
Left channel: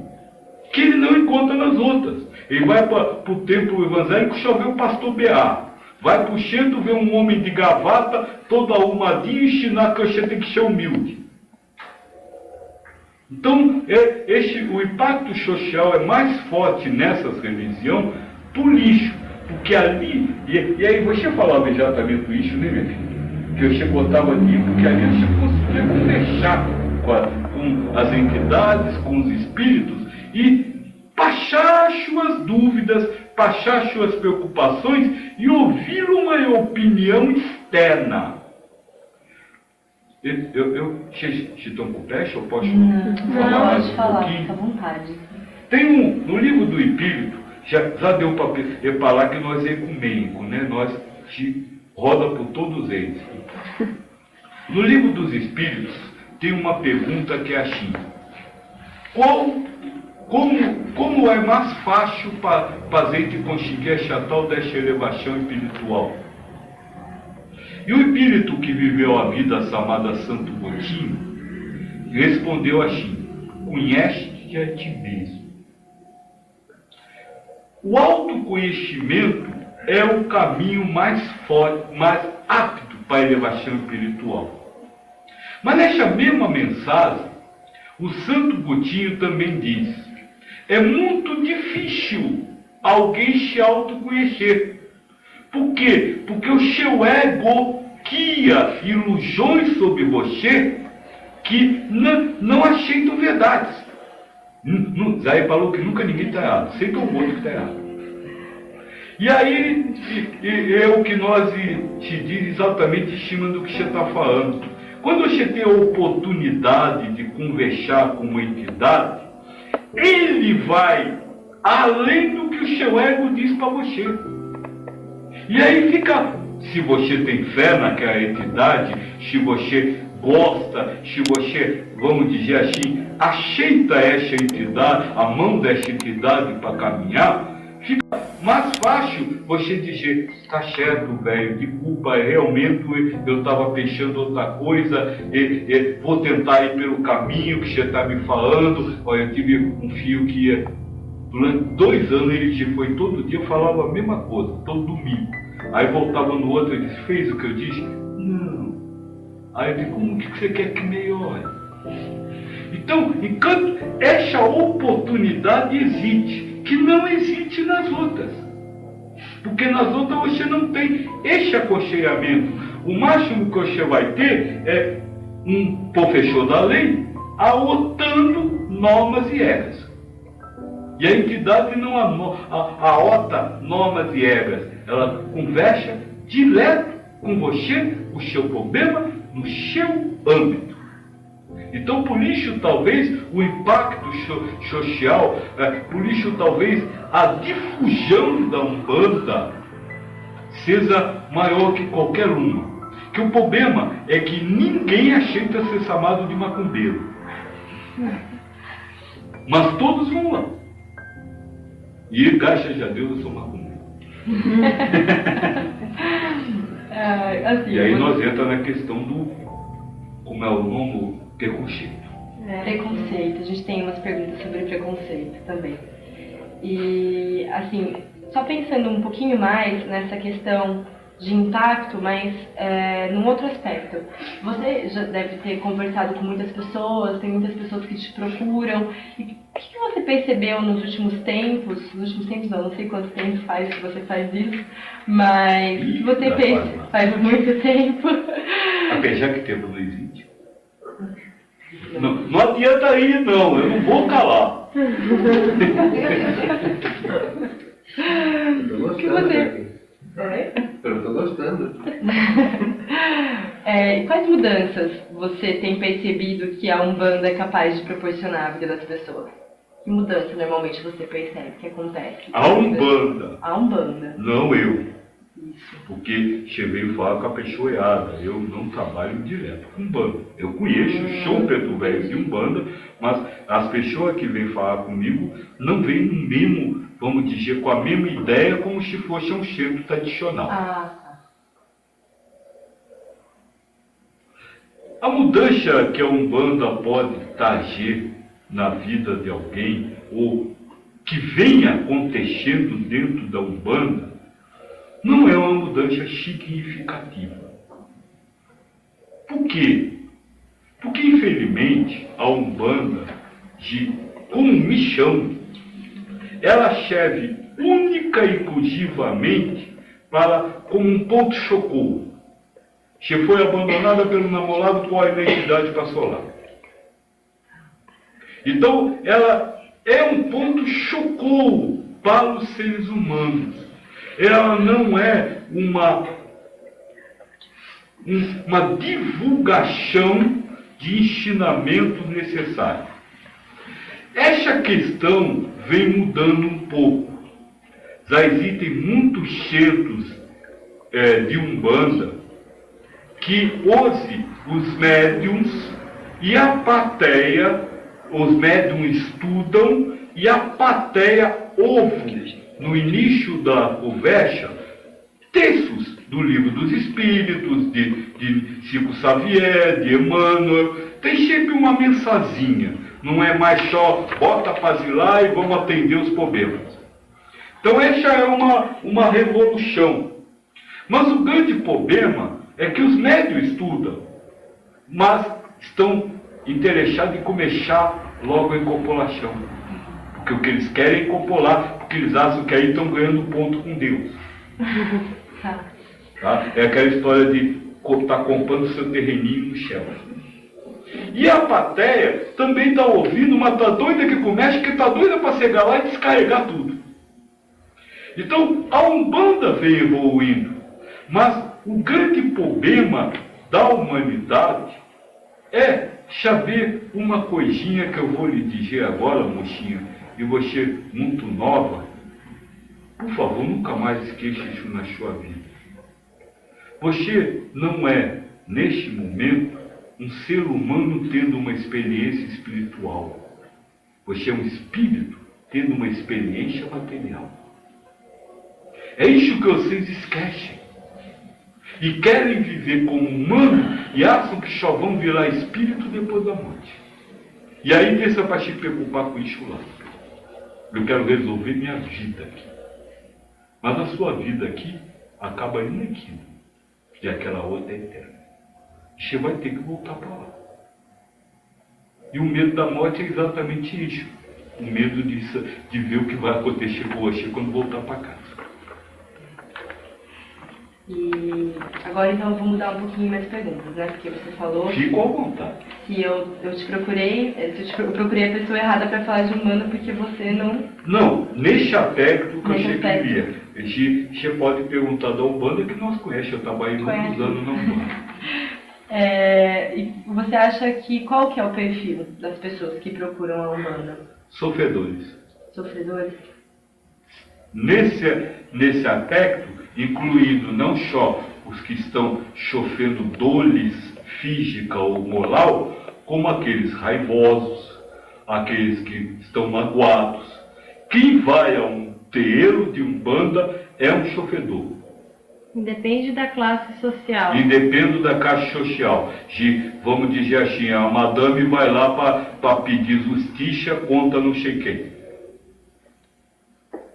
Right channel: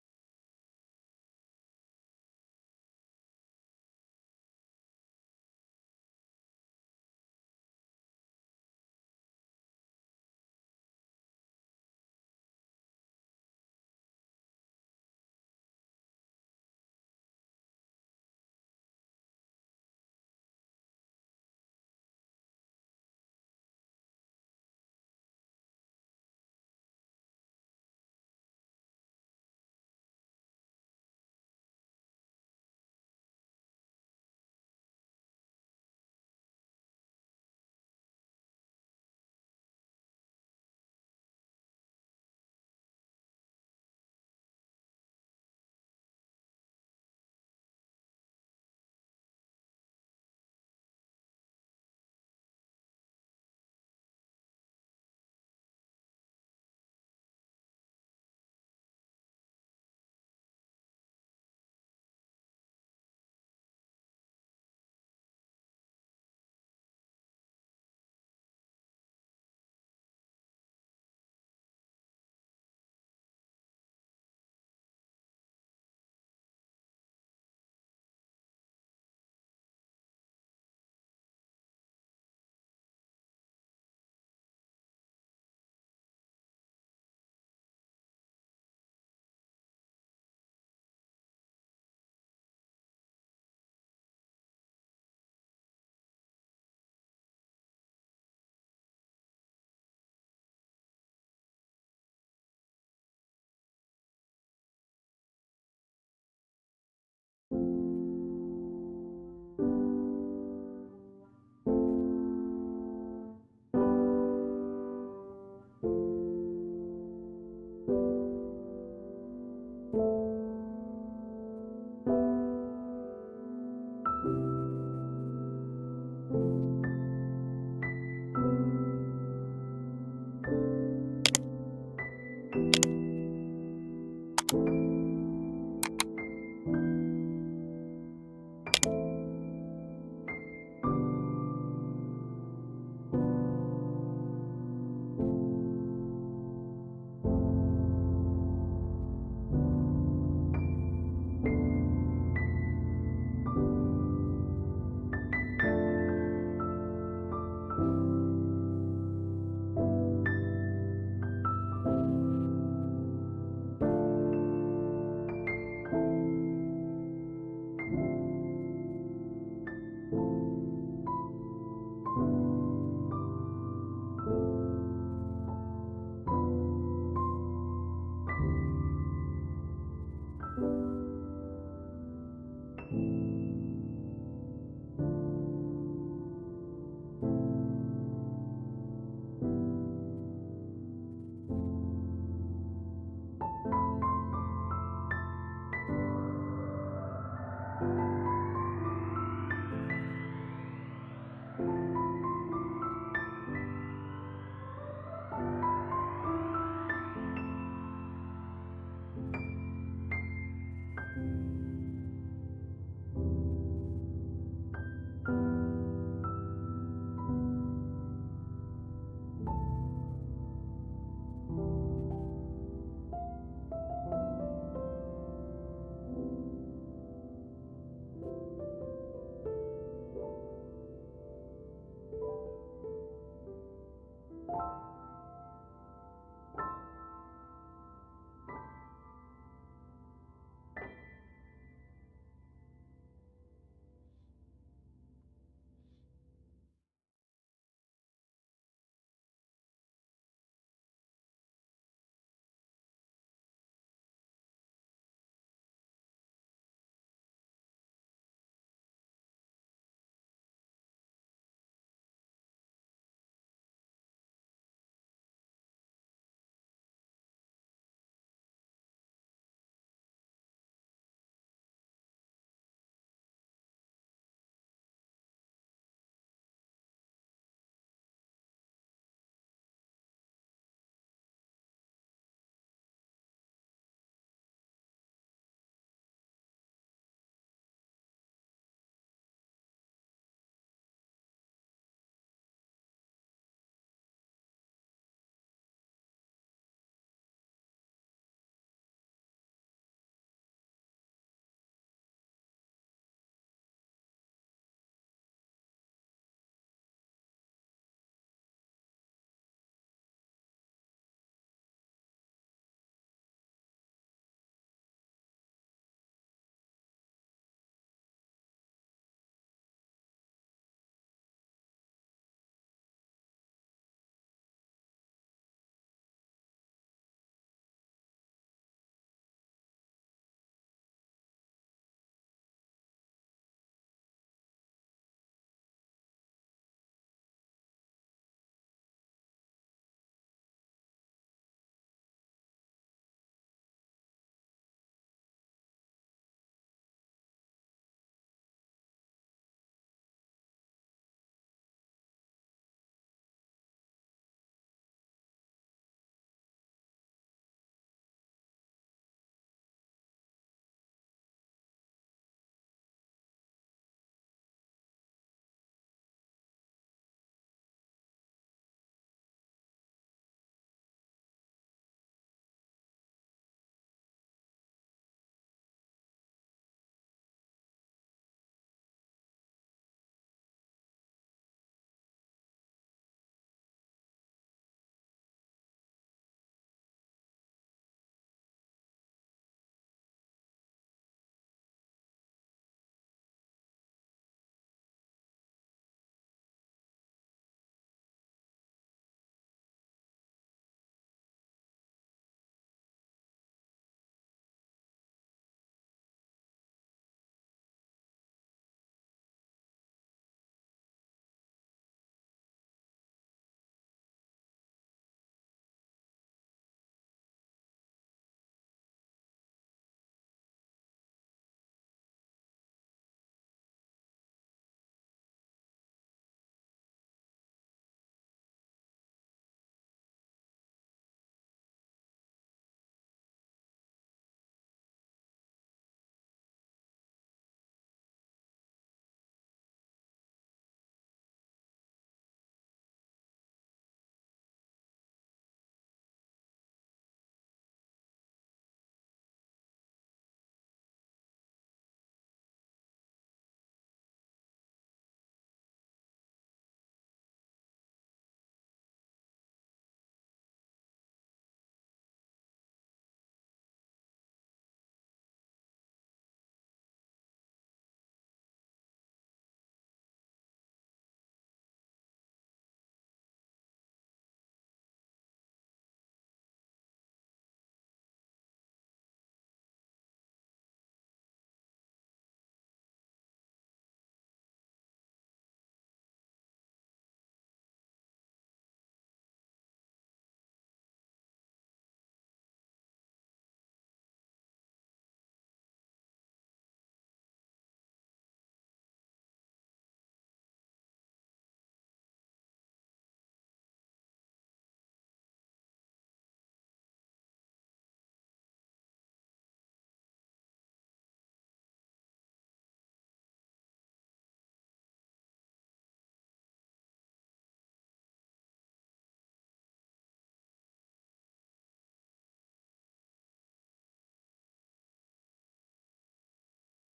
que ele não encontra nas outras. Ele vai para o templo evangélico só vê o pastor B.A. Vai para o centro ver um homem de gravata, todo arrumadinho, e ensinar que você tem que ser humilde. Então, o impacto social é mais forte nessas religiões por isso. Porque ali, e aí você falava exatamente isso, né, minha filha? Que você botava ali, porque ali você conseguia conversar com as entidades, com os espíritos, e passar suas dúvidas, passar suas preocupações e ouvir uma opinião externa. Vocês estão com pressa? Eu posso falar? Pode falar, fica à vontade. Tem no livro do Espírito, já deu para reparar que nós é ecumênico, né? Nós se roda por todos eles. No livro dos Espíritos, tem uma pergunta que é assim: como é mais fácil para a gente conseguir essa tal dessa elevação espiritual? E o espírito que viveu a vida chamada Santo Agostinho respondeu assim: conhece-te a ti mesmo. O autoconhecimento é o caminho mais forte, mais apto para a elevação espiritual. Mas nessa mesma mensagem, o Santo Agostinho também diz: é muito difícil alguém se autoconhecer. Por quê? Porque o seu ego cria ilusões sobre você que não aceitam verdades. Zé falou que nunca ninguém está errado, sempre é o outro que está errado. E aí é o que nós se diz exatamente em cima do que você está falando. Quando você tem a oportunidade de conversar com uma entidade, ele vai além do que o seu ego diz para você. E aí fica, se você tem fé naquela entidade, se você gosta, se você, vamos dizer assim, aceita essa entidade, a mão dessa entidade para caminhar, fica mais fácil você dizer: tá certo, velho, desculpa, realmente eu estava pensando outra coisa, vou tentar ir pelo caminho que você está me falando. Olha, eu tive um filho que durante 2 anos ele foi todo dia, falava a mesma coisa, todo domingo. Aí voltava no outro e disse: fez o que eu disse? Não. Aí eu disse: como que você quer que melhore? Então, enquanto essa oportunidade existe, que não existe nas outras. Porque nas outras você não tem este aconselhamento. O máximo que você vai ter é um professor da lei aotando normas e regras. E a entidade não aota normas e regras. Ela conversa direto com você, o seu problema, no seu âmbito. Então, por isso, talvez, o impacto social, por isso, talvez, a difusão da Umbanda seja maior que qualquer uma. Que o problema é que ninguém aceita ser chamado de macumbeiro. Mas todos vão lá. E graças a Deus eu sou macumbeiro. Assim, e aí nós entramos na questão do, como é o nome, preconceito. Preconceito. A gente tem umas perguntas sobre preconceito também. E, assim, só pensando um pouquinho mais nessa questão de impacto, mas num outro aspecto. Você já deve ter conversado com muitas pessoas, tem muitas pessoas que te procuram. E o que você percebeu nos últimos tempos? Nos últimos tempos não sei quanto tempo faz que você faz isso, mas o que você faz muito tempo. Apesar que tempo não existe. Não adianta ir, não, eu não vou calar. O que você... Eu estou gostando. Quais mudanças você tem percebido que a Umbanda é capaz de proporcionar à vida das pessoas? Que mudança normalmente você percebe que acontece? A Umbanda. A Umbanda. Não eu. Isso. Porque você veio falar com a pessoa errada. Eu não trabalho direto com Umbanda. Eu conheço o show preto velho de Umbanda, mas as pessoas que vêm falar comigo não vêm no mesmo, vamos dizer, com a mesma ideia como se fosse um centro tradicional. A mudança que a Umbanda pode trazer na vida de alguém, ou que venha acontecendo dentro da Umbanda, não é uma mudança significativa. Por quê? Porque, infelizmente, a Umbanda, como missão, ela serve única e exclusivamente como um ponto de socorro. Se foi abandonada pelo namorado, qual a identidade passou lá? Então, ela é um ponto de socorro para os seres humanos. Ela não é uma divulgação de ensinamentos necessários. Essa questão vem mudando um pouco. Já existem muitos centros de Umbanda que hoje os médiums e a plateia, os médiums estudam e a plateia ouve, no início da conversa, textos do Livro dos Espíritos, de Chico Xavier, de Emmanuel. Tem sempre uma mensazinha, não é mais só bota para lá e vamos atender os problemas. Então essa é uma revolução. Mas o grande problema é que os médios estudam, mas estão interessados em começar logo a incorporação. Porque o que eles querem é incorporar, porque eles acham que aí estão ganhando ponto com Deus. Tá? É aquela história de estar comprando seu terreninho no céu. E a plateia também está ouvindo, mas está doida que começa, que está doida para chegar lá e descarregar tudo. Então, a Umbanda vem evoluindo, mas o grande problema da humanidade é saber uma coisinha que eu vou lhe dizer agora, mocinha, e você muito nova, por favor, nunca mais esqueça isso na sua vida. Você não é, neste momento, um ser humano tendo uma experiência espiritual. Você é um espírito tendo uma experiência material. É isso que vocês esquecem. E querem viver como humano e acham que só vão virar espírito depois da morte. E aí deixa para se preocupar com isso lá. Eu quero resolver minha vida aqui. Mas a sua vida aqui acaba indo naquilo. E aquela outra é eterna. Você vai ter que voltar para lá. E o medo da morte é exatamente isso. O medo de ver o que vai acontecer com você quando voltar para casa. E agora então eu vou mudar um pouquinho minhas perguntas, né? Porque você falou... Fico à vontade. Se eu te procurei, eu procurei a pessoa errada para falar de Umbanda porque você não... Não, neste aspecto que eu Nesse achei que aspecto. via. Você pode perguntar da Umbanda que nós conhecemos, eu trabalhei muitos anos na Umbanda. E você acha que qual que é o perfil das pessoas que procuram a Umbanda? Sofredores. Sofredores? Nesse aspecto, incluindo não só os que estão sofrendo dores física ou moral, como aqueles raivosos, aqueles que estão magoados. Quem vai a um terreiro de Umbanda é um sofredor. Depende da classe social. Independe da classe social. Vamos dizer assim, a madame vai lá para pedir justiça contra não sei quem.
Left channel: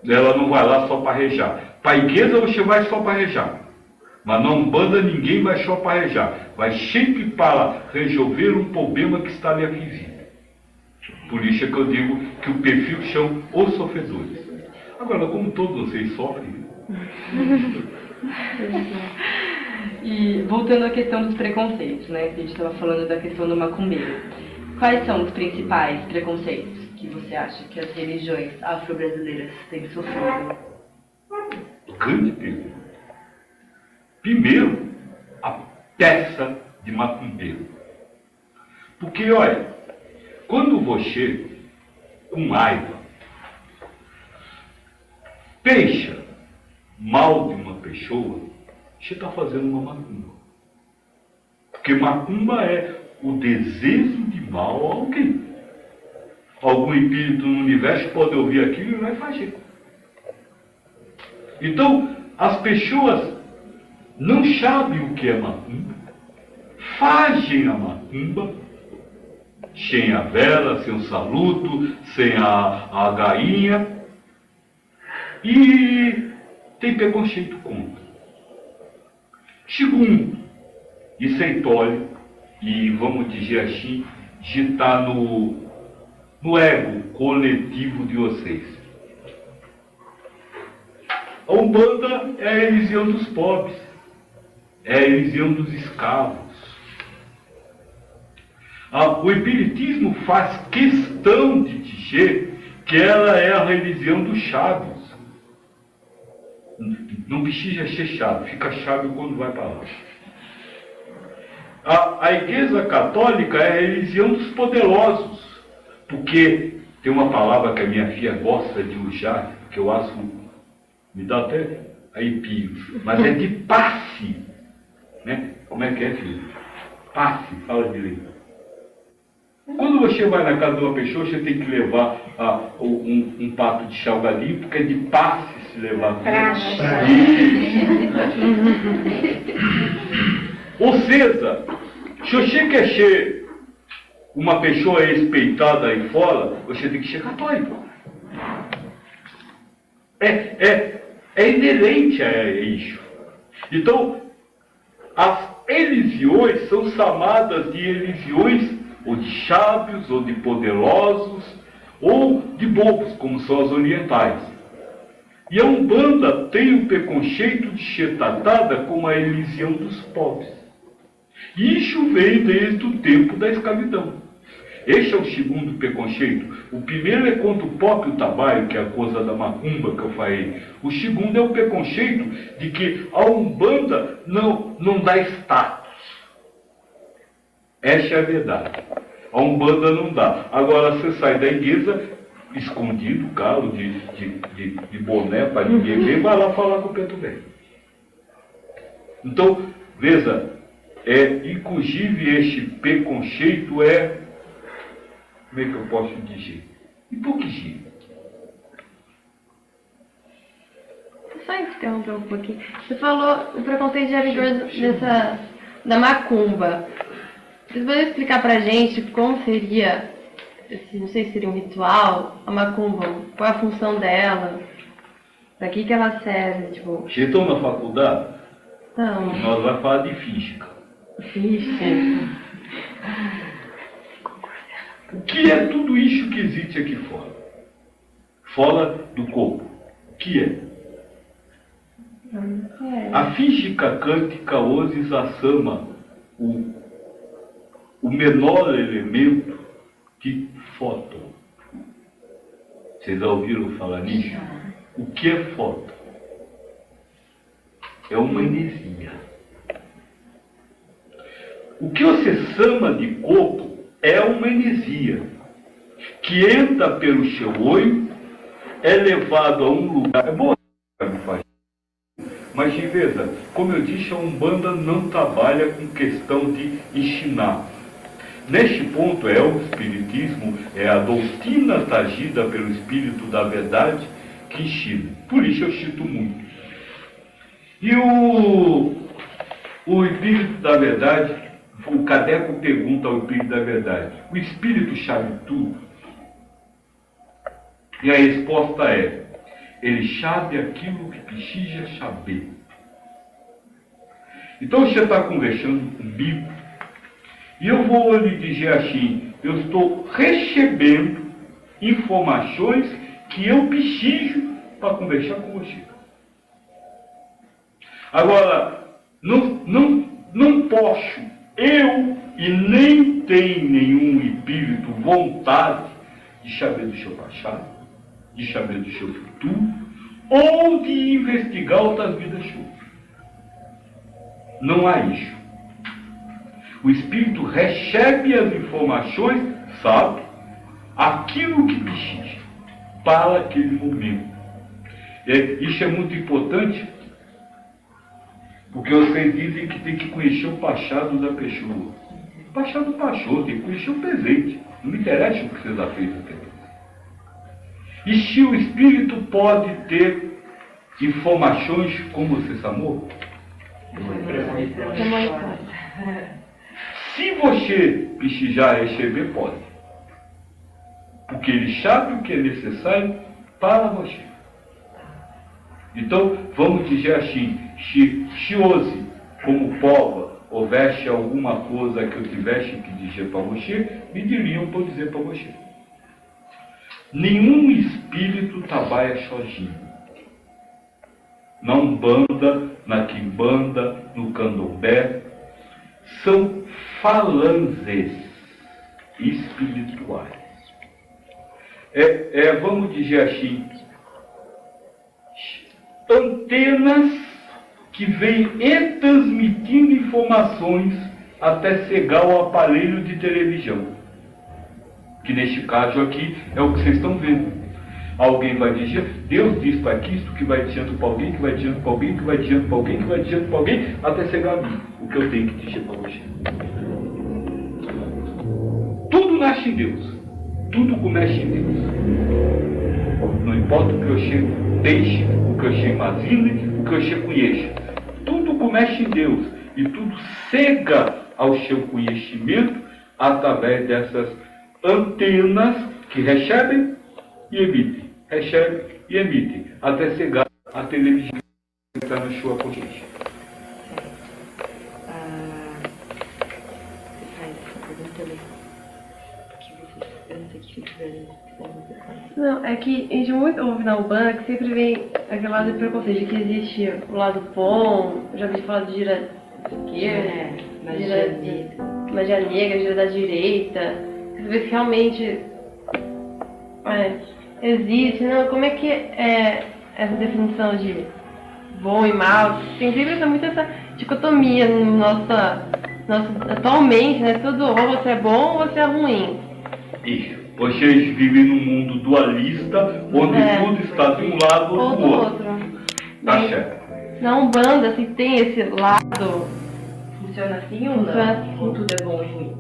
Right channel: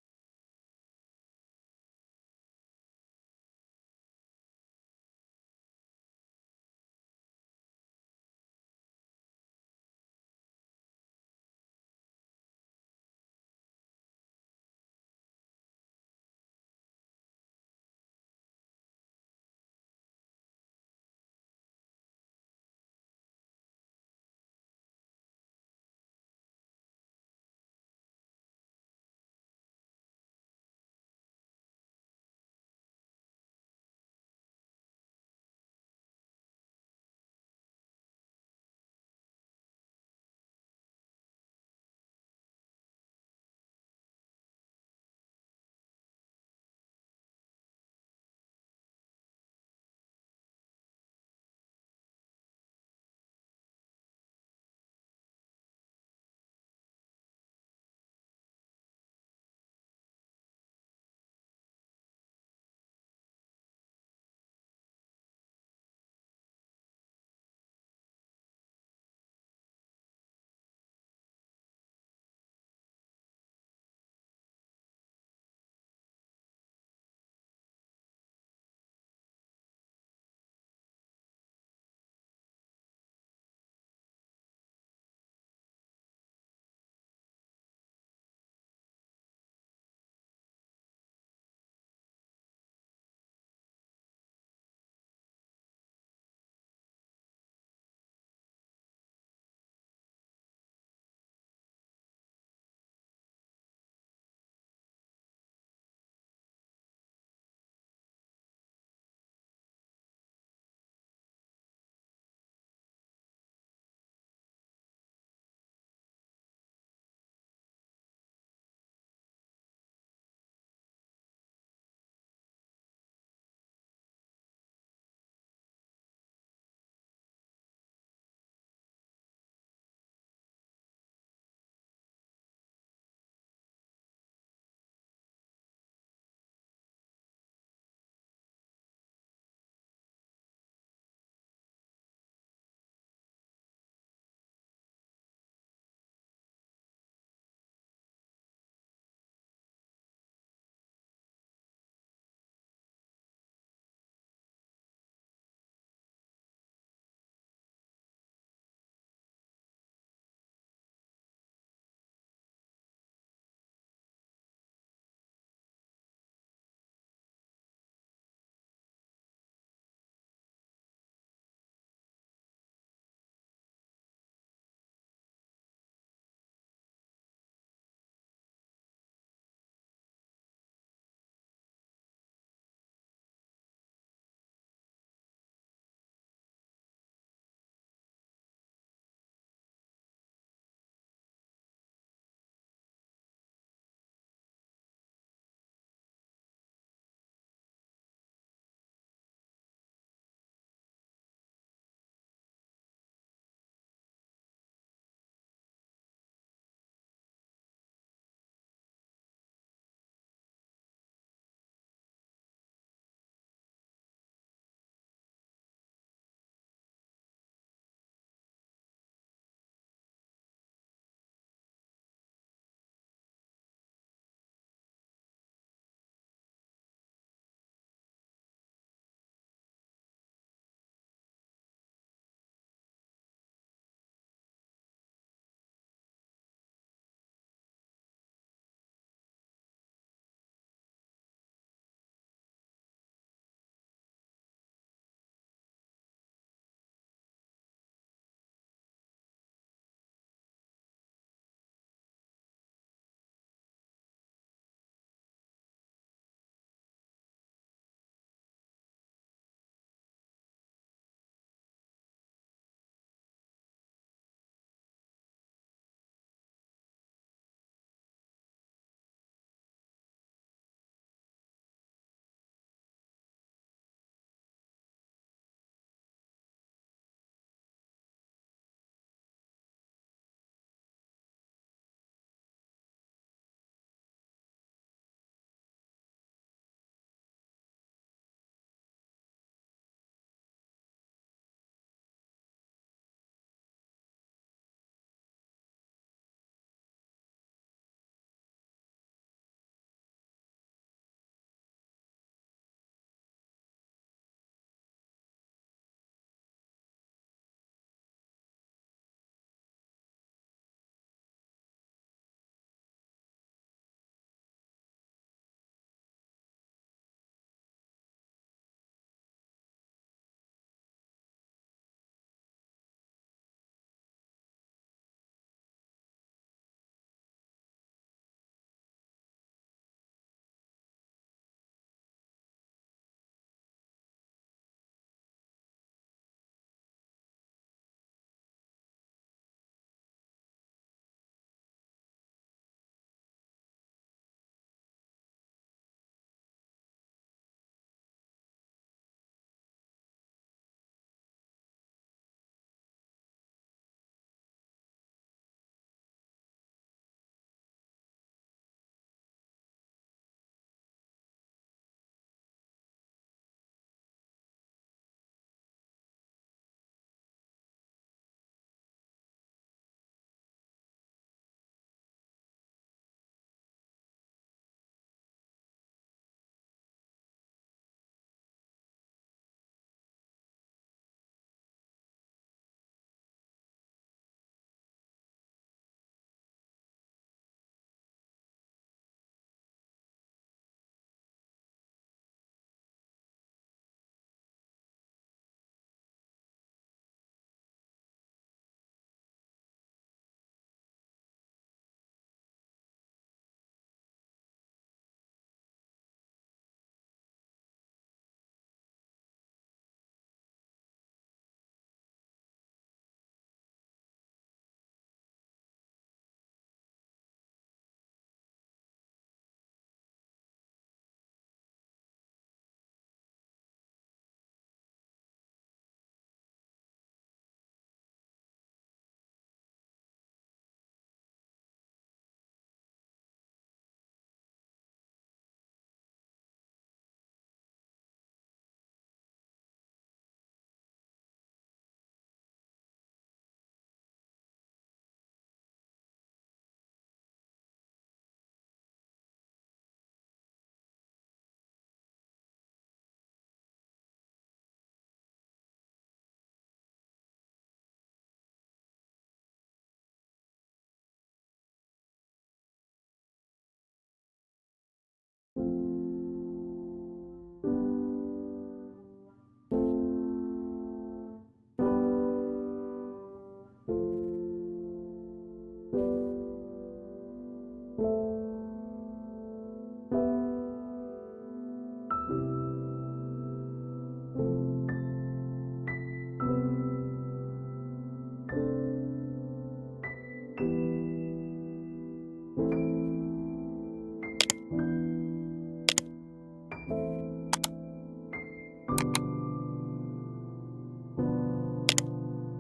Ela não vai lá só para rejar. Para a igreja você vai só para rejar. Mas na Umbanda ninguém vai só para rejar. Vai sempre para resolver um problema que está lhe afligindo. Por isso é que eu digo que o perfil são os sofredores. Agora, como todos vocês sofrem... E voltando à questão dos preconceitos, né? Que a gente estava falando da questão do macumbeiro. Quais são os principais preconceitos que você acha que as religiões afro-brasileiras têm sofrido? Grande pergunta. Primeiro, a peça de macumbeiro. Porque, olha, quando você, com raiva, pensa mal de uma pessoa, você está fazendo uma macumba. Porque macumba é o desejo de mal a alguém. Algum espírito no universo pode ouvir aquilo e vai fazer. Então, as pessoas não sabem o que é macumba, fazem a macumba, sem a vela, sem o saluto, sem a gainha, e tem preconceito contra. Segundo, isso é tole, e vamos dizer assim, de estar no ego coletivo de vocês. A Umbanda é a religião dos pobres, é a religião dos escravos. O Espiritismo faz questão de dizer que ela é a religião dos sábios. Não precisa ser sábio, fica sábio quando vai para lá. A Igreja Católica é a religião dos poderosos, porque tem uma palavra que a minha filha gosta de usar, que eu acho, me dá até arrepios, mas é de passe. Né? Como é que é, filho? Passe, fala direito. Quando você vai na casa de uma pessoa, você tem que levar um prato de salgadinho, porque é de passe se levar. Ou seja, se você quer ser uma pessoa respeitada aí fora, você tem que ser católico. É inerente a isso. Então, as religiões são chamadas de religiões ou de sábios, ou de poderosos, ou de bobos, como são as orientais. E a Umbanda tem o preconceito de ser tratada como a religião dos pobres. Isso vem desde o tempo da escravidão. Este é o segundo preconceito. O primeiro é contra o próprio trabalho, que é a coisa da macumba que eu falei. O segundo é o preconceito de que a Umbanda não dá status. Essa é a verdade. A Umbanda não dá. Agora você sai da igreja, escondido, calo, de boné para ninguém ver, vai lá falar com o preto velho. Então, veja, inclusive este preconceito é, como é que eu posso dizer? Hipocrisia. Só interromper um pouquinho. Você falou o preconceito de rigor da macumba. Vocês podem explicar pra gente como seria, não sei se seria um ritual, a macumba, qual é a função dela, pra que ela serve, tipo... Vocês estão na faculdade? Não. Nós vamos falar de física. Física. O que é tudo isso que existe aqui fora? Fora do corpo. O que é? A física quântica hoje asama o menor elemento de fóton. Vocês já ouviram falar nisso? O que é fóton? É uma energia. O que você chama de corpo é uma energia que entra pelo seu olho, é levado a um lugar. É bom, mas de veja, como eu disse, a Umbanda não trabalha com questão de ensinar. Neste ponto é o Espiritismo, é a doutrina trazida pelo Espírito da Verdade que ensina. Por isso eu cito muito. E o Espírito da Verdade, o Cadeco pergunta ao Espírito da Verdade: o Espírito sabe tudo? E a resposta é: ele sabe aquilo que precisa saber. Então você está conversando comigo e eu vou lhe dizer assim: eu estou recebendo informações que eu preciso para conversar com você. Agora, não posso, eu e nem tem nenhum espírito vontade de saber do seu passado, de saber do seu futuro, ou de investigar outras vidas suas. Não há isso. O espírito recebe as informações, sabe, aquilo que precisa para aquele momento. Isso é muito importante, porque vocês dizem que tem que conhecer o passado da pessoa. O passado passou, tem que conhecer o presente. Não me interessa o que você já fez até. E se o espírito pode ter informações como você chamou? Se você precisar receber, pode. Porque ele sabe o que é necessário para você. Então, vamos dizer assim, se hoje, como prova, houvesse alguma coisa que eu tivesse que dizer para você, me diriam para dizer para você. Nenhum espírito trabalha sozinho. Na Umbanda, na Quimbanda, no Candomblé, são falanges espirituais. Vamos dizer assim, antenas que vêm transmitindo informações até chegar ao aparelho de televisão. Que neste caso aqui é o que vocês estão vendo. Alguém vai dizer, Deus diz para Cristo, que vai dizendo para alguém, que vai dizendo para alguém, que vai dizendo para alguém, que vai dizendo para alguém, até chegar a mim, o que eu tenho que dizer para você. Tudo nasce em Deus. Tudo começa em Deus. Não importa o que você deixe, o que você imagine, o que você conheça. Tudo começa em Deus. E tudo chega ao seu conhecimento através dessas antenas que recebem e emitem. Recebem e emitem. Até chegar à televisão que está na sua consciência. Não, é que a gente muito ouve na Umbanda que sempre vem aquele lado de preconceito, que existe o lado bom, já ouvi falar de gira esquerda, magia negra, gira da direita. Você vê que realmente existe, não? Como é que é essa definição de bom e mal? Tem sempre muito essa dicotomia nossa atualmente, né? Tudo ou você é bom ou você é ruim. Isso. Vocês vivem num mundo dualista, onde tudo está de um lado ou do outro. Tá certo. Na Umbanda, assim, tem esse lado. Funciona assim ou não? Ou tudo é bom e ruim?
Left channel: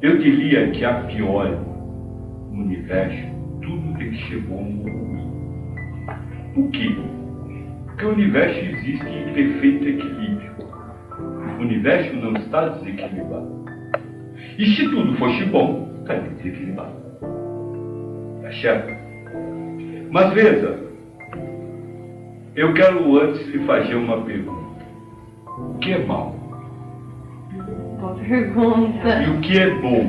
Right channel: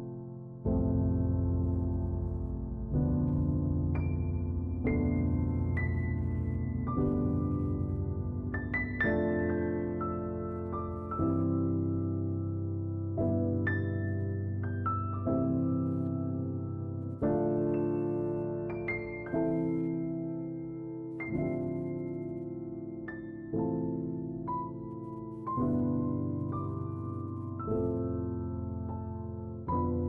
Eu diria que a priori, no universo, tudo tem que ser bom ou ruim. Por quê? Porque o universo existe em perfeito equilíbrio. O universo não está desequilibrado. E se tudo fosse bom, está desequilibrado. Tá certo? Mas veja, eu quero antes lhe fazer uma pergunta. O que é mal? Boa pergunta. E o que é bom?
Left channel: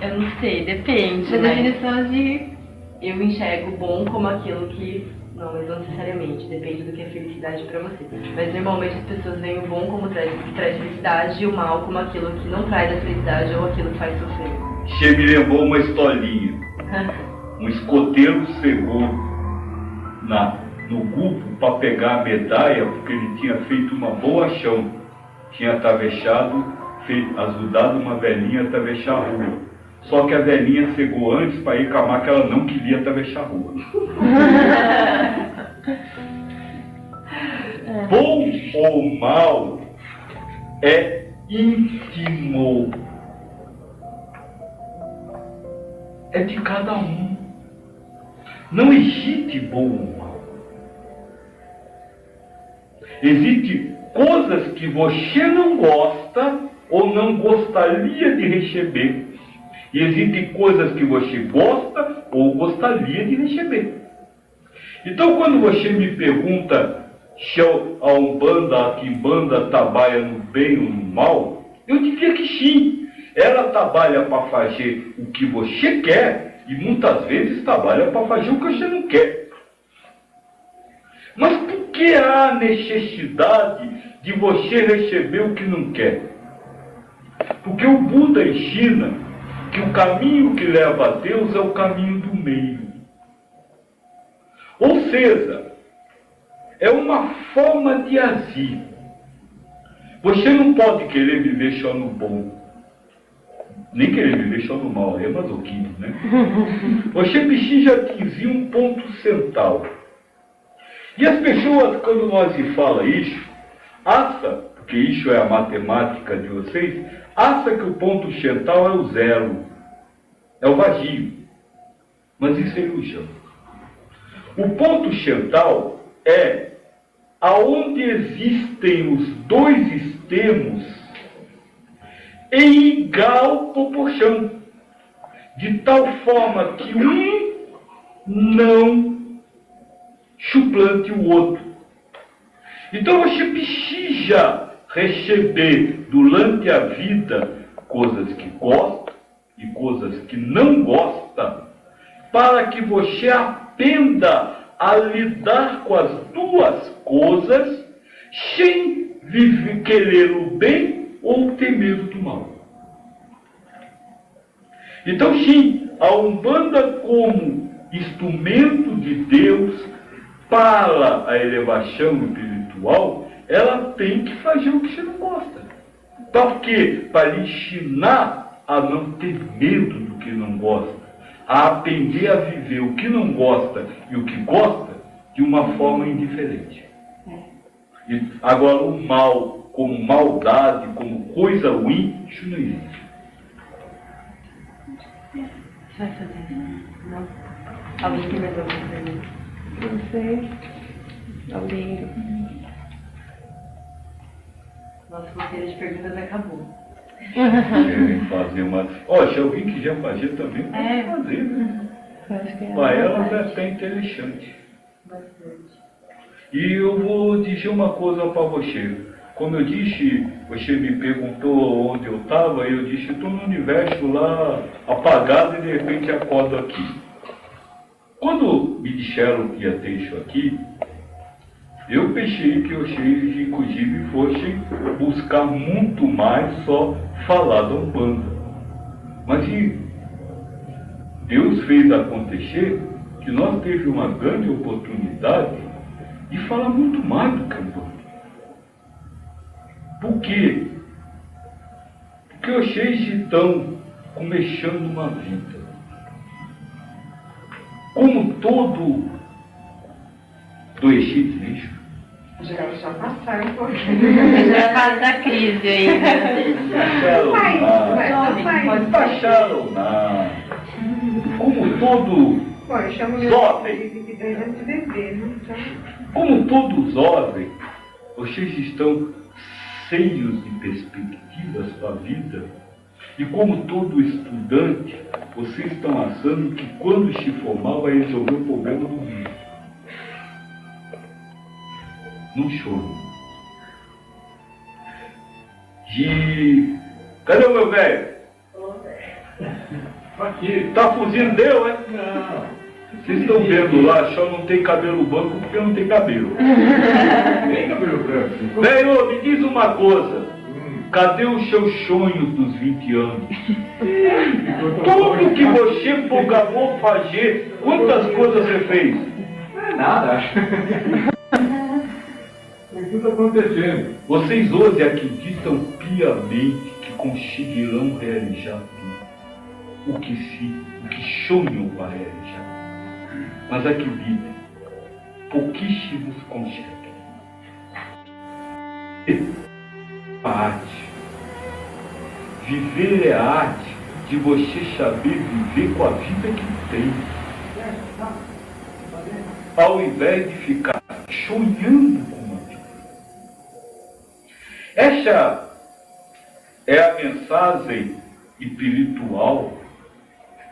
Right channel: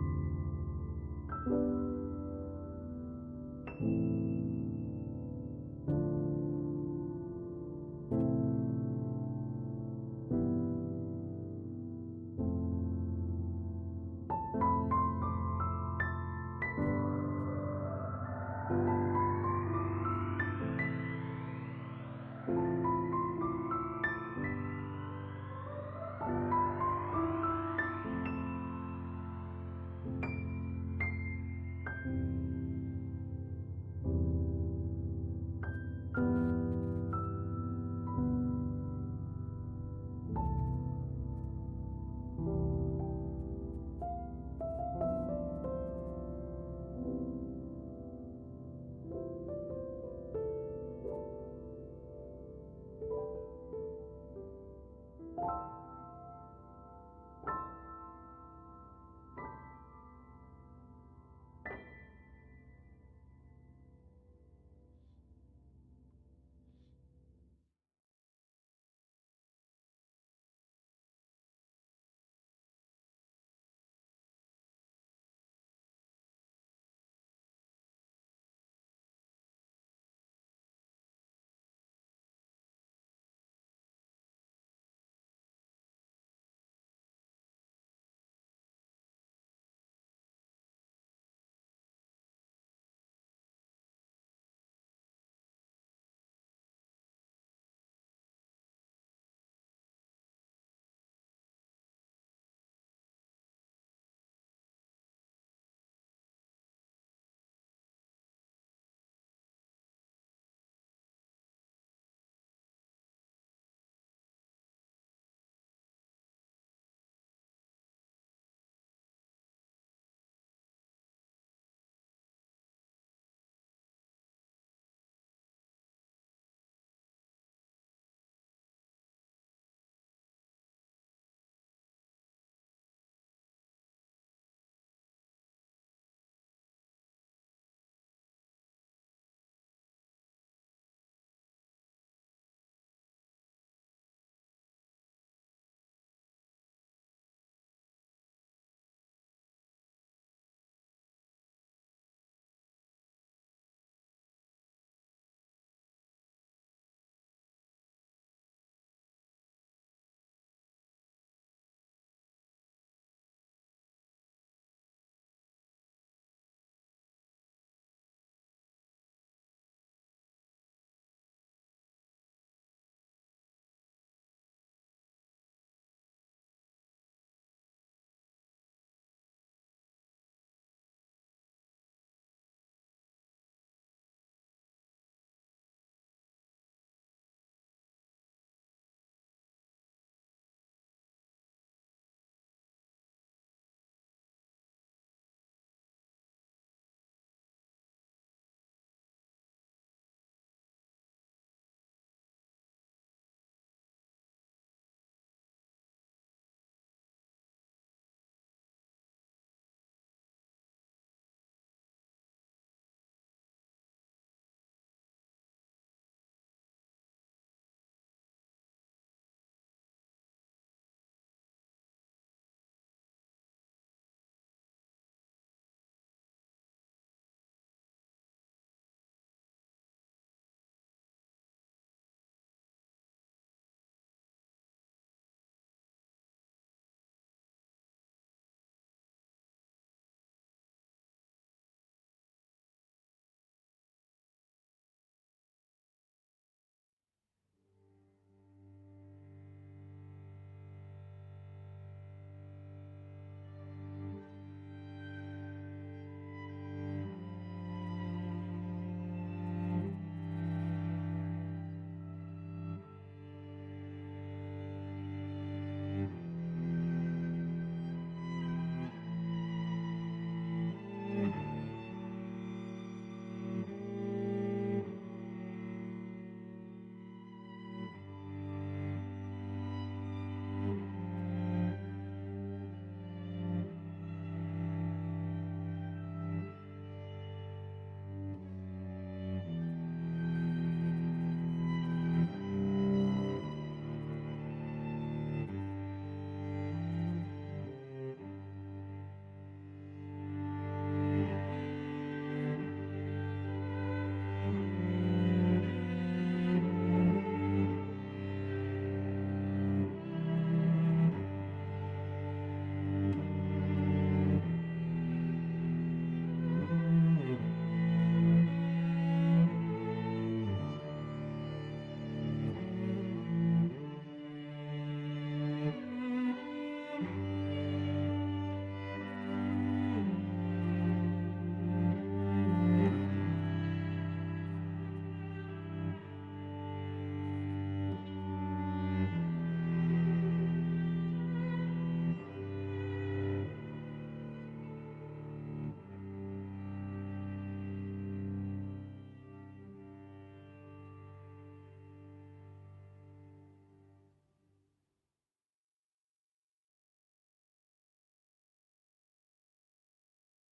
Eu não sei, depende. Da Mas definição de... eu enxergo bom como aquilo que... Não, mas não necessariamente, depende do que é felicidade pra você. Mas normalmente as pessoas veem o bom como traz felicidade e o mal como aquilo que não traz a felicidade ou aquilo que faz sofrer. Che me lembrou uma historinha. Um escoteiro chegou no grupo para pegar a medalha, porque ele tinha feito uma boa ação. Tinha ajudado uma velhinha a atravessar a rua. Só que a velhinha chegou antes para reclamar que ela não queria atravessar a rua. Bom ou mal é íntimo. É de cada um. Não existe bom ou mal. Existem coisas que você não gosta ou não gostaria de receber. E existem coisas que você gosta ou gostaria de receber. Então, quando você me pergunta se a Umbanda, a Quimbanda trabalha no bem ou no mal, eu diria que sim. Ela trabalha para fazer o que você quer e muitas vezes trabalha para fazer o que você não quer. Mas por que há necessidade de você receber o que não quer? Porque o Buda ensina que o caminho que leva a Deus é o caminho do meio. Ou seja, é uma forma de agir. Você não pode querer viver só no bom, nem querer viver só no mal, é masoquismo, né? Você precisa atingir um ponto central. E as pessoas, quando nós se fala isso, acham, porque isso é a matemática de vocês, acha que o ponto central é o zero, é o vazio. Mas isso é ilusão. O ponto central é aonde existem os dois extremos em igual proporção, de tal forma que um não suplante o outro. Então você precisa receber durante a vida coisas que gosta e coisas que não gosta, para que você aprenda a lidar com as duas coisas sem querer o bem ou ter medo do mal. Então sim, a Umbanda como instrumento de Deus para a elevação espiritual, ela tem que fazer o que você não gosta. Para quê? Para lhe ensinar a não ter medo do que não gosta, a aprender a viver o que não gosta e o que gosta de uma forma indiferente. E agora o mal, como maldade, como coisa ruim, isso não existe. Você vai fazer isso? Não? Alguém tem mais alguma pergunta? Não sei. Alguém... Nosso roteiro de perguntas acabou. Querem fazer uma... se alguém quiser fazer também, pode fazer, né? Para elas é até interessante. Bastante. E eu vou dizer uma coisa para você. Como eu disse, você me perguntou onde eu estava, e eu disse, estou no universo lá apagado e de repente acordo aqui. Quando me disseram que ia ter isso aqui, eu pensei que vocês, inclusive, fossem buscar muito mais só falar da Umbanda. Mas Deus fez acontecer que nós tivemos uma grande oportunidade de falar muito mais do que a Umbanda. Por quê? Porque vocês estão começando uma vida. Como todo doenço lixo. Já passaram um pouquinho. Já é a fase da crise ainda. Passaram nada. Como todo Bom, eu chamo meu jovem. de 10 anos de bebê, né? Então, Como todo jovem, vocês estão cheios de perspectivas para a vida. E como todo estudante, vocês estão achando que quando se formar vai resolver o problema do mundo. Não choro. Cadê o meu velho? Aqui. Tá fugindo, deu, é? Não. Vocês estão vendo lá, só não tem cabelo branco porque não tem cabelo. Nem cabelo branco. Velho, me diz uma coisa. Cadê os seus sonhos dos 20 anos? Tudo que você programou fazer, quantas coisas você fez? Não é nada. O que está acontecendo? Vocês hoje acreditam piamente que conseguirão realizar tudo o que sonham a realizar. Mas acreditem, pouquíssimos conseguem. A arte. Viver é a arte de você saber viver com a vida que tem. Ao invés de ficar sonhando com a vida. Essa é a mensagem espiritual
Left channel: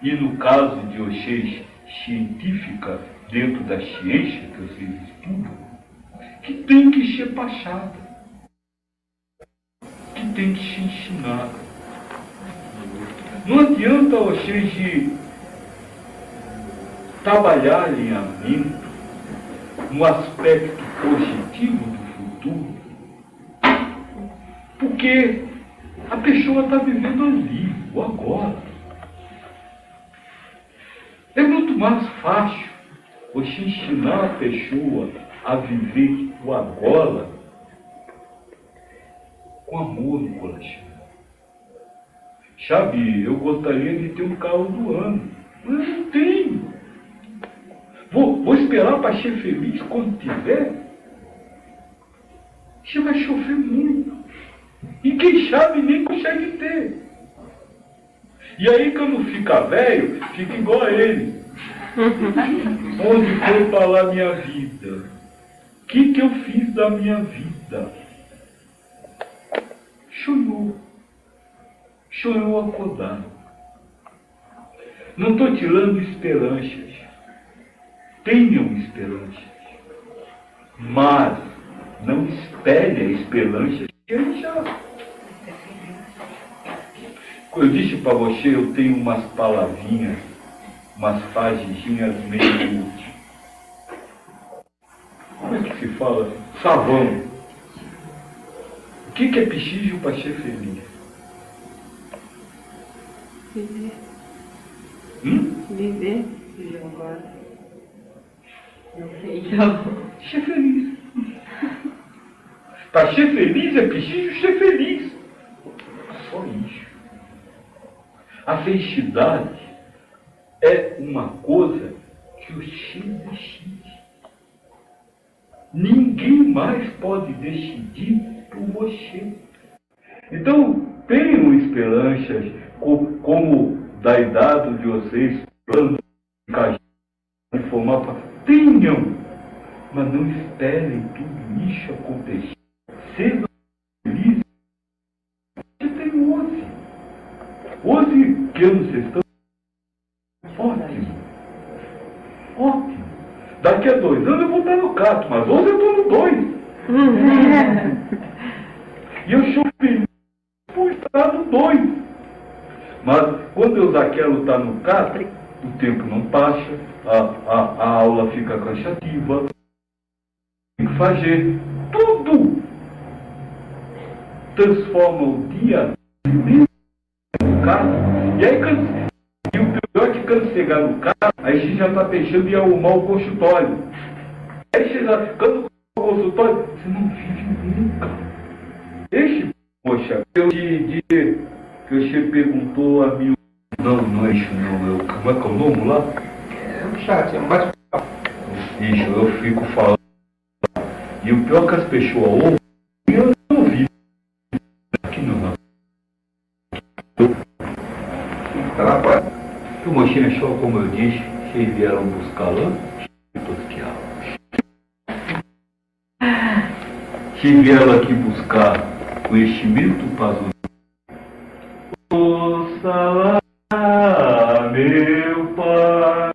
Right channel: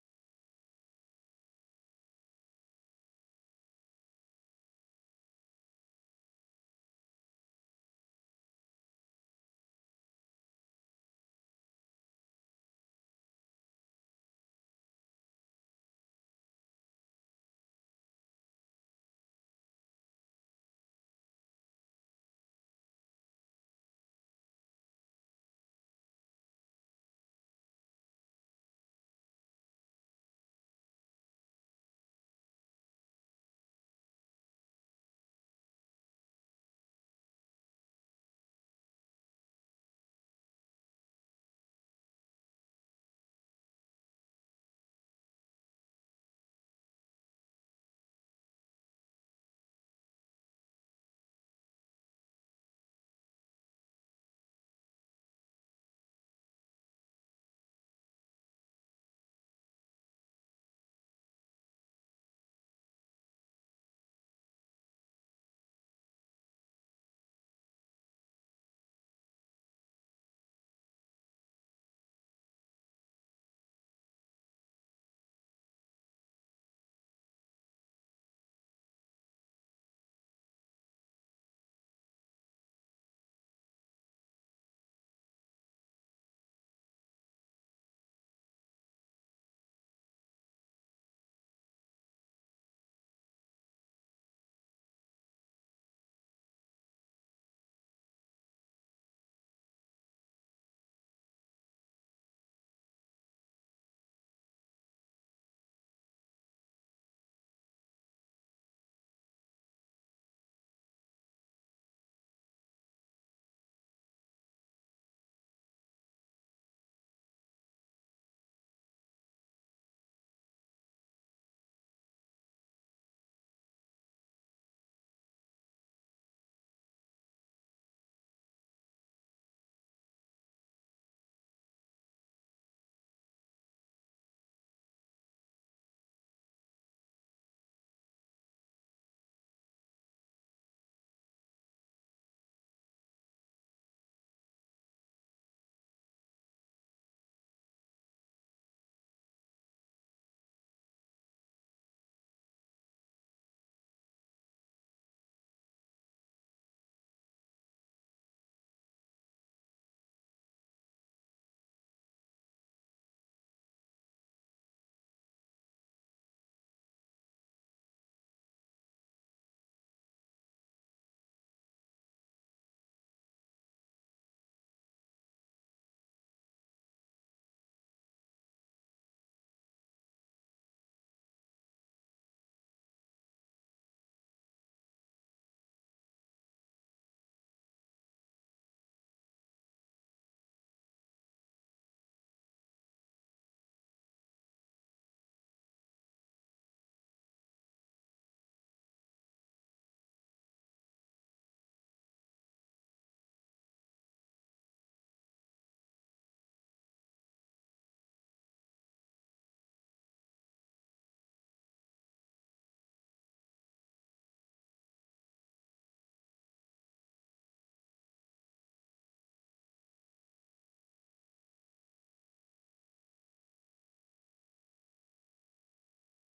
e, no caso de vocês, científica, dentro da ciência que vocês estudam, que tem que ser passada, que tem que ser ensinada. Não adianta vocês trabalharem a mente no aspecto positivo do futuro, porque a pessoa está vivendo ali, o agora. É muito mais fácil você ensinar a pessoa a viver o agora com amor no coração. Sabe, eu gostaria de ter um carro do ano, mas eu não tenho. Vou esperar para ser feliz quando tiver? Você vai sofrer muito. E quem sabe nem consegue ter. E aí quando fica velho, fica igual a ele. Onde foi parar minha vida? O que eu fiz da minha vida? Chorou acordado. Não estou tirando esperanças. Tenham esperanças. Mas não espere a esperança já. Eu disse para você, eu tenho umas palavrinhas, umas frasezinhas meio... Como é que se fala? Savão. O que é preciso para ser feliz? Viver. Viver agora. Não sei. Ser feliz. Para ser feliz é preciso ser feliz. Só isso. A felicidade é uma coisa que você decide. Ninguém mais pode decidir por você. Então, tenham esperanças, como da idade de vocês, planos de formar para... Tenham, mas não esperem tudo isso acontecer. Sejam felizes. Você tem hoje. Hoje, que anos vocês estão? Ótimo. Ótimo. Daqui a 2 anos eu vou estar no 4, mas hoje eu estou no 2. E eu sou feliz por estar no 2. Mas quando eu Zaquelo está no 4, o tempo não passa, a aula fica cansativa. Tem que fazer tudo. Transforma o dia no carro. E aí, e o pior é que quando chegar no carro, aí você já está pensando em arrumar o consultório. Aí você já, quando o consultório, você não vive nunca. Poxa, eu te disse que você perguntou a mim. Não é isso não. Como é que é o nome lá? É um chat, é um bate-papo. Isso, eu fico falando. E o pior é que as pessoas ouvem, eu não ouvi. Aqui não. Tá na porta. O mocinho é só, como eu disse, vocês vieram buscar lá, vocês vieram aqui buscar conhecimento para os... Ouça lá, meu Pai.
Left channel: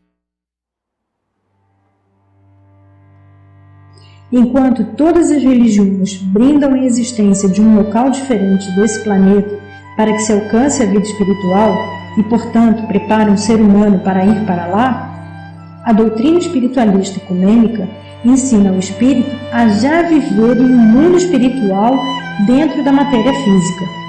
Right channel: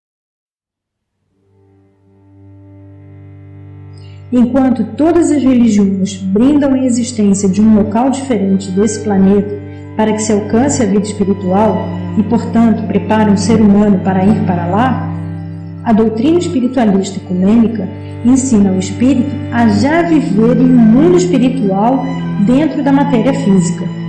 Enquanto todas as religiões brindam a existência de um local diferente desse planeta, para que se alcance a vida espiritual e, portanto, prepare um ser humano para ir para lá, a doutrina espiritualista ecumênica ensina o espírito a já viver em um mundo espiritual dentro da matéria física.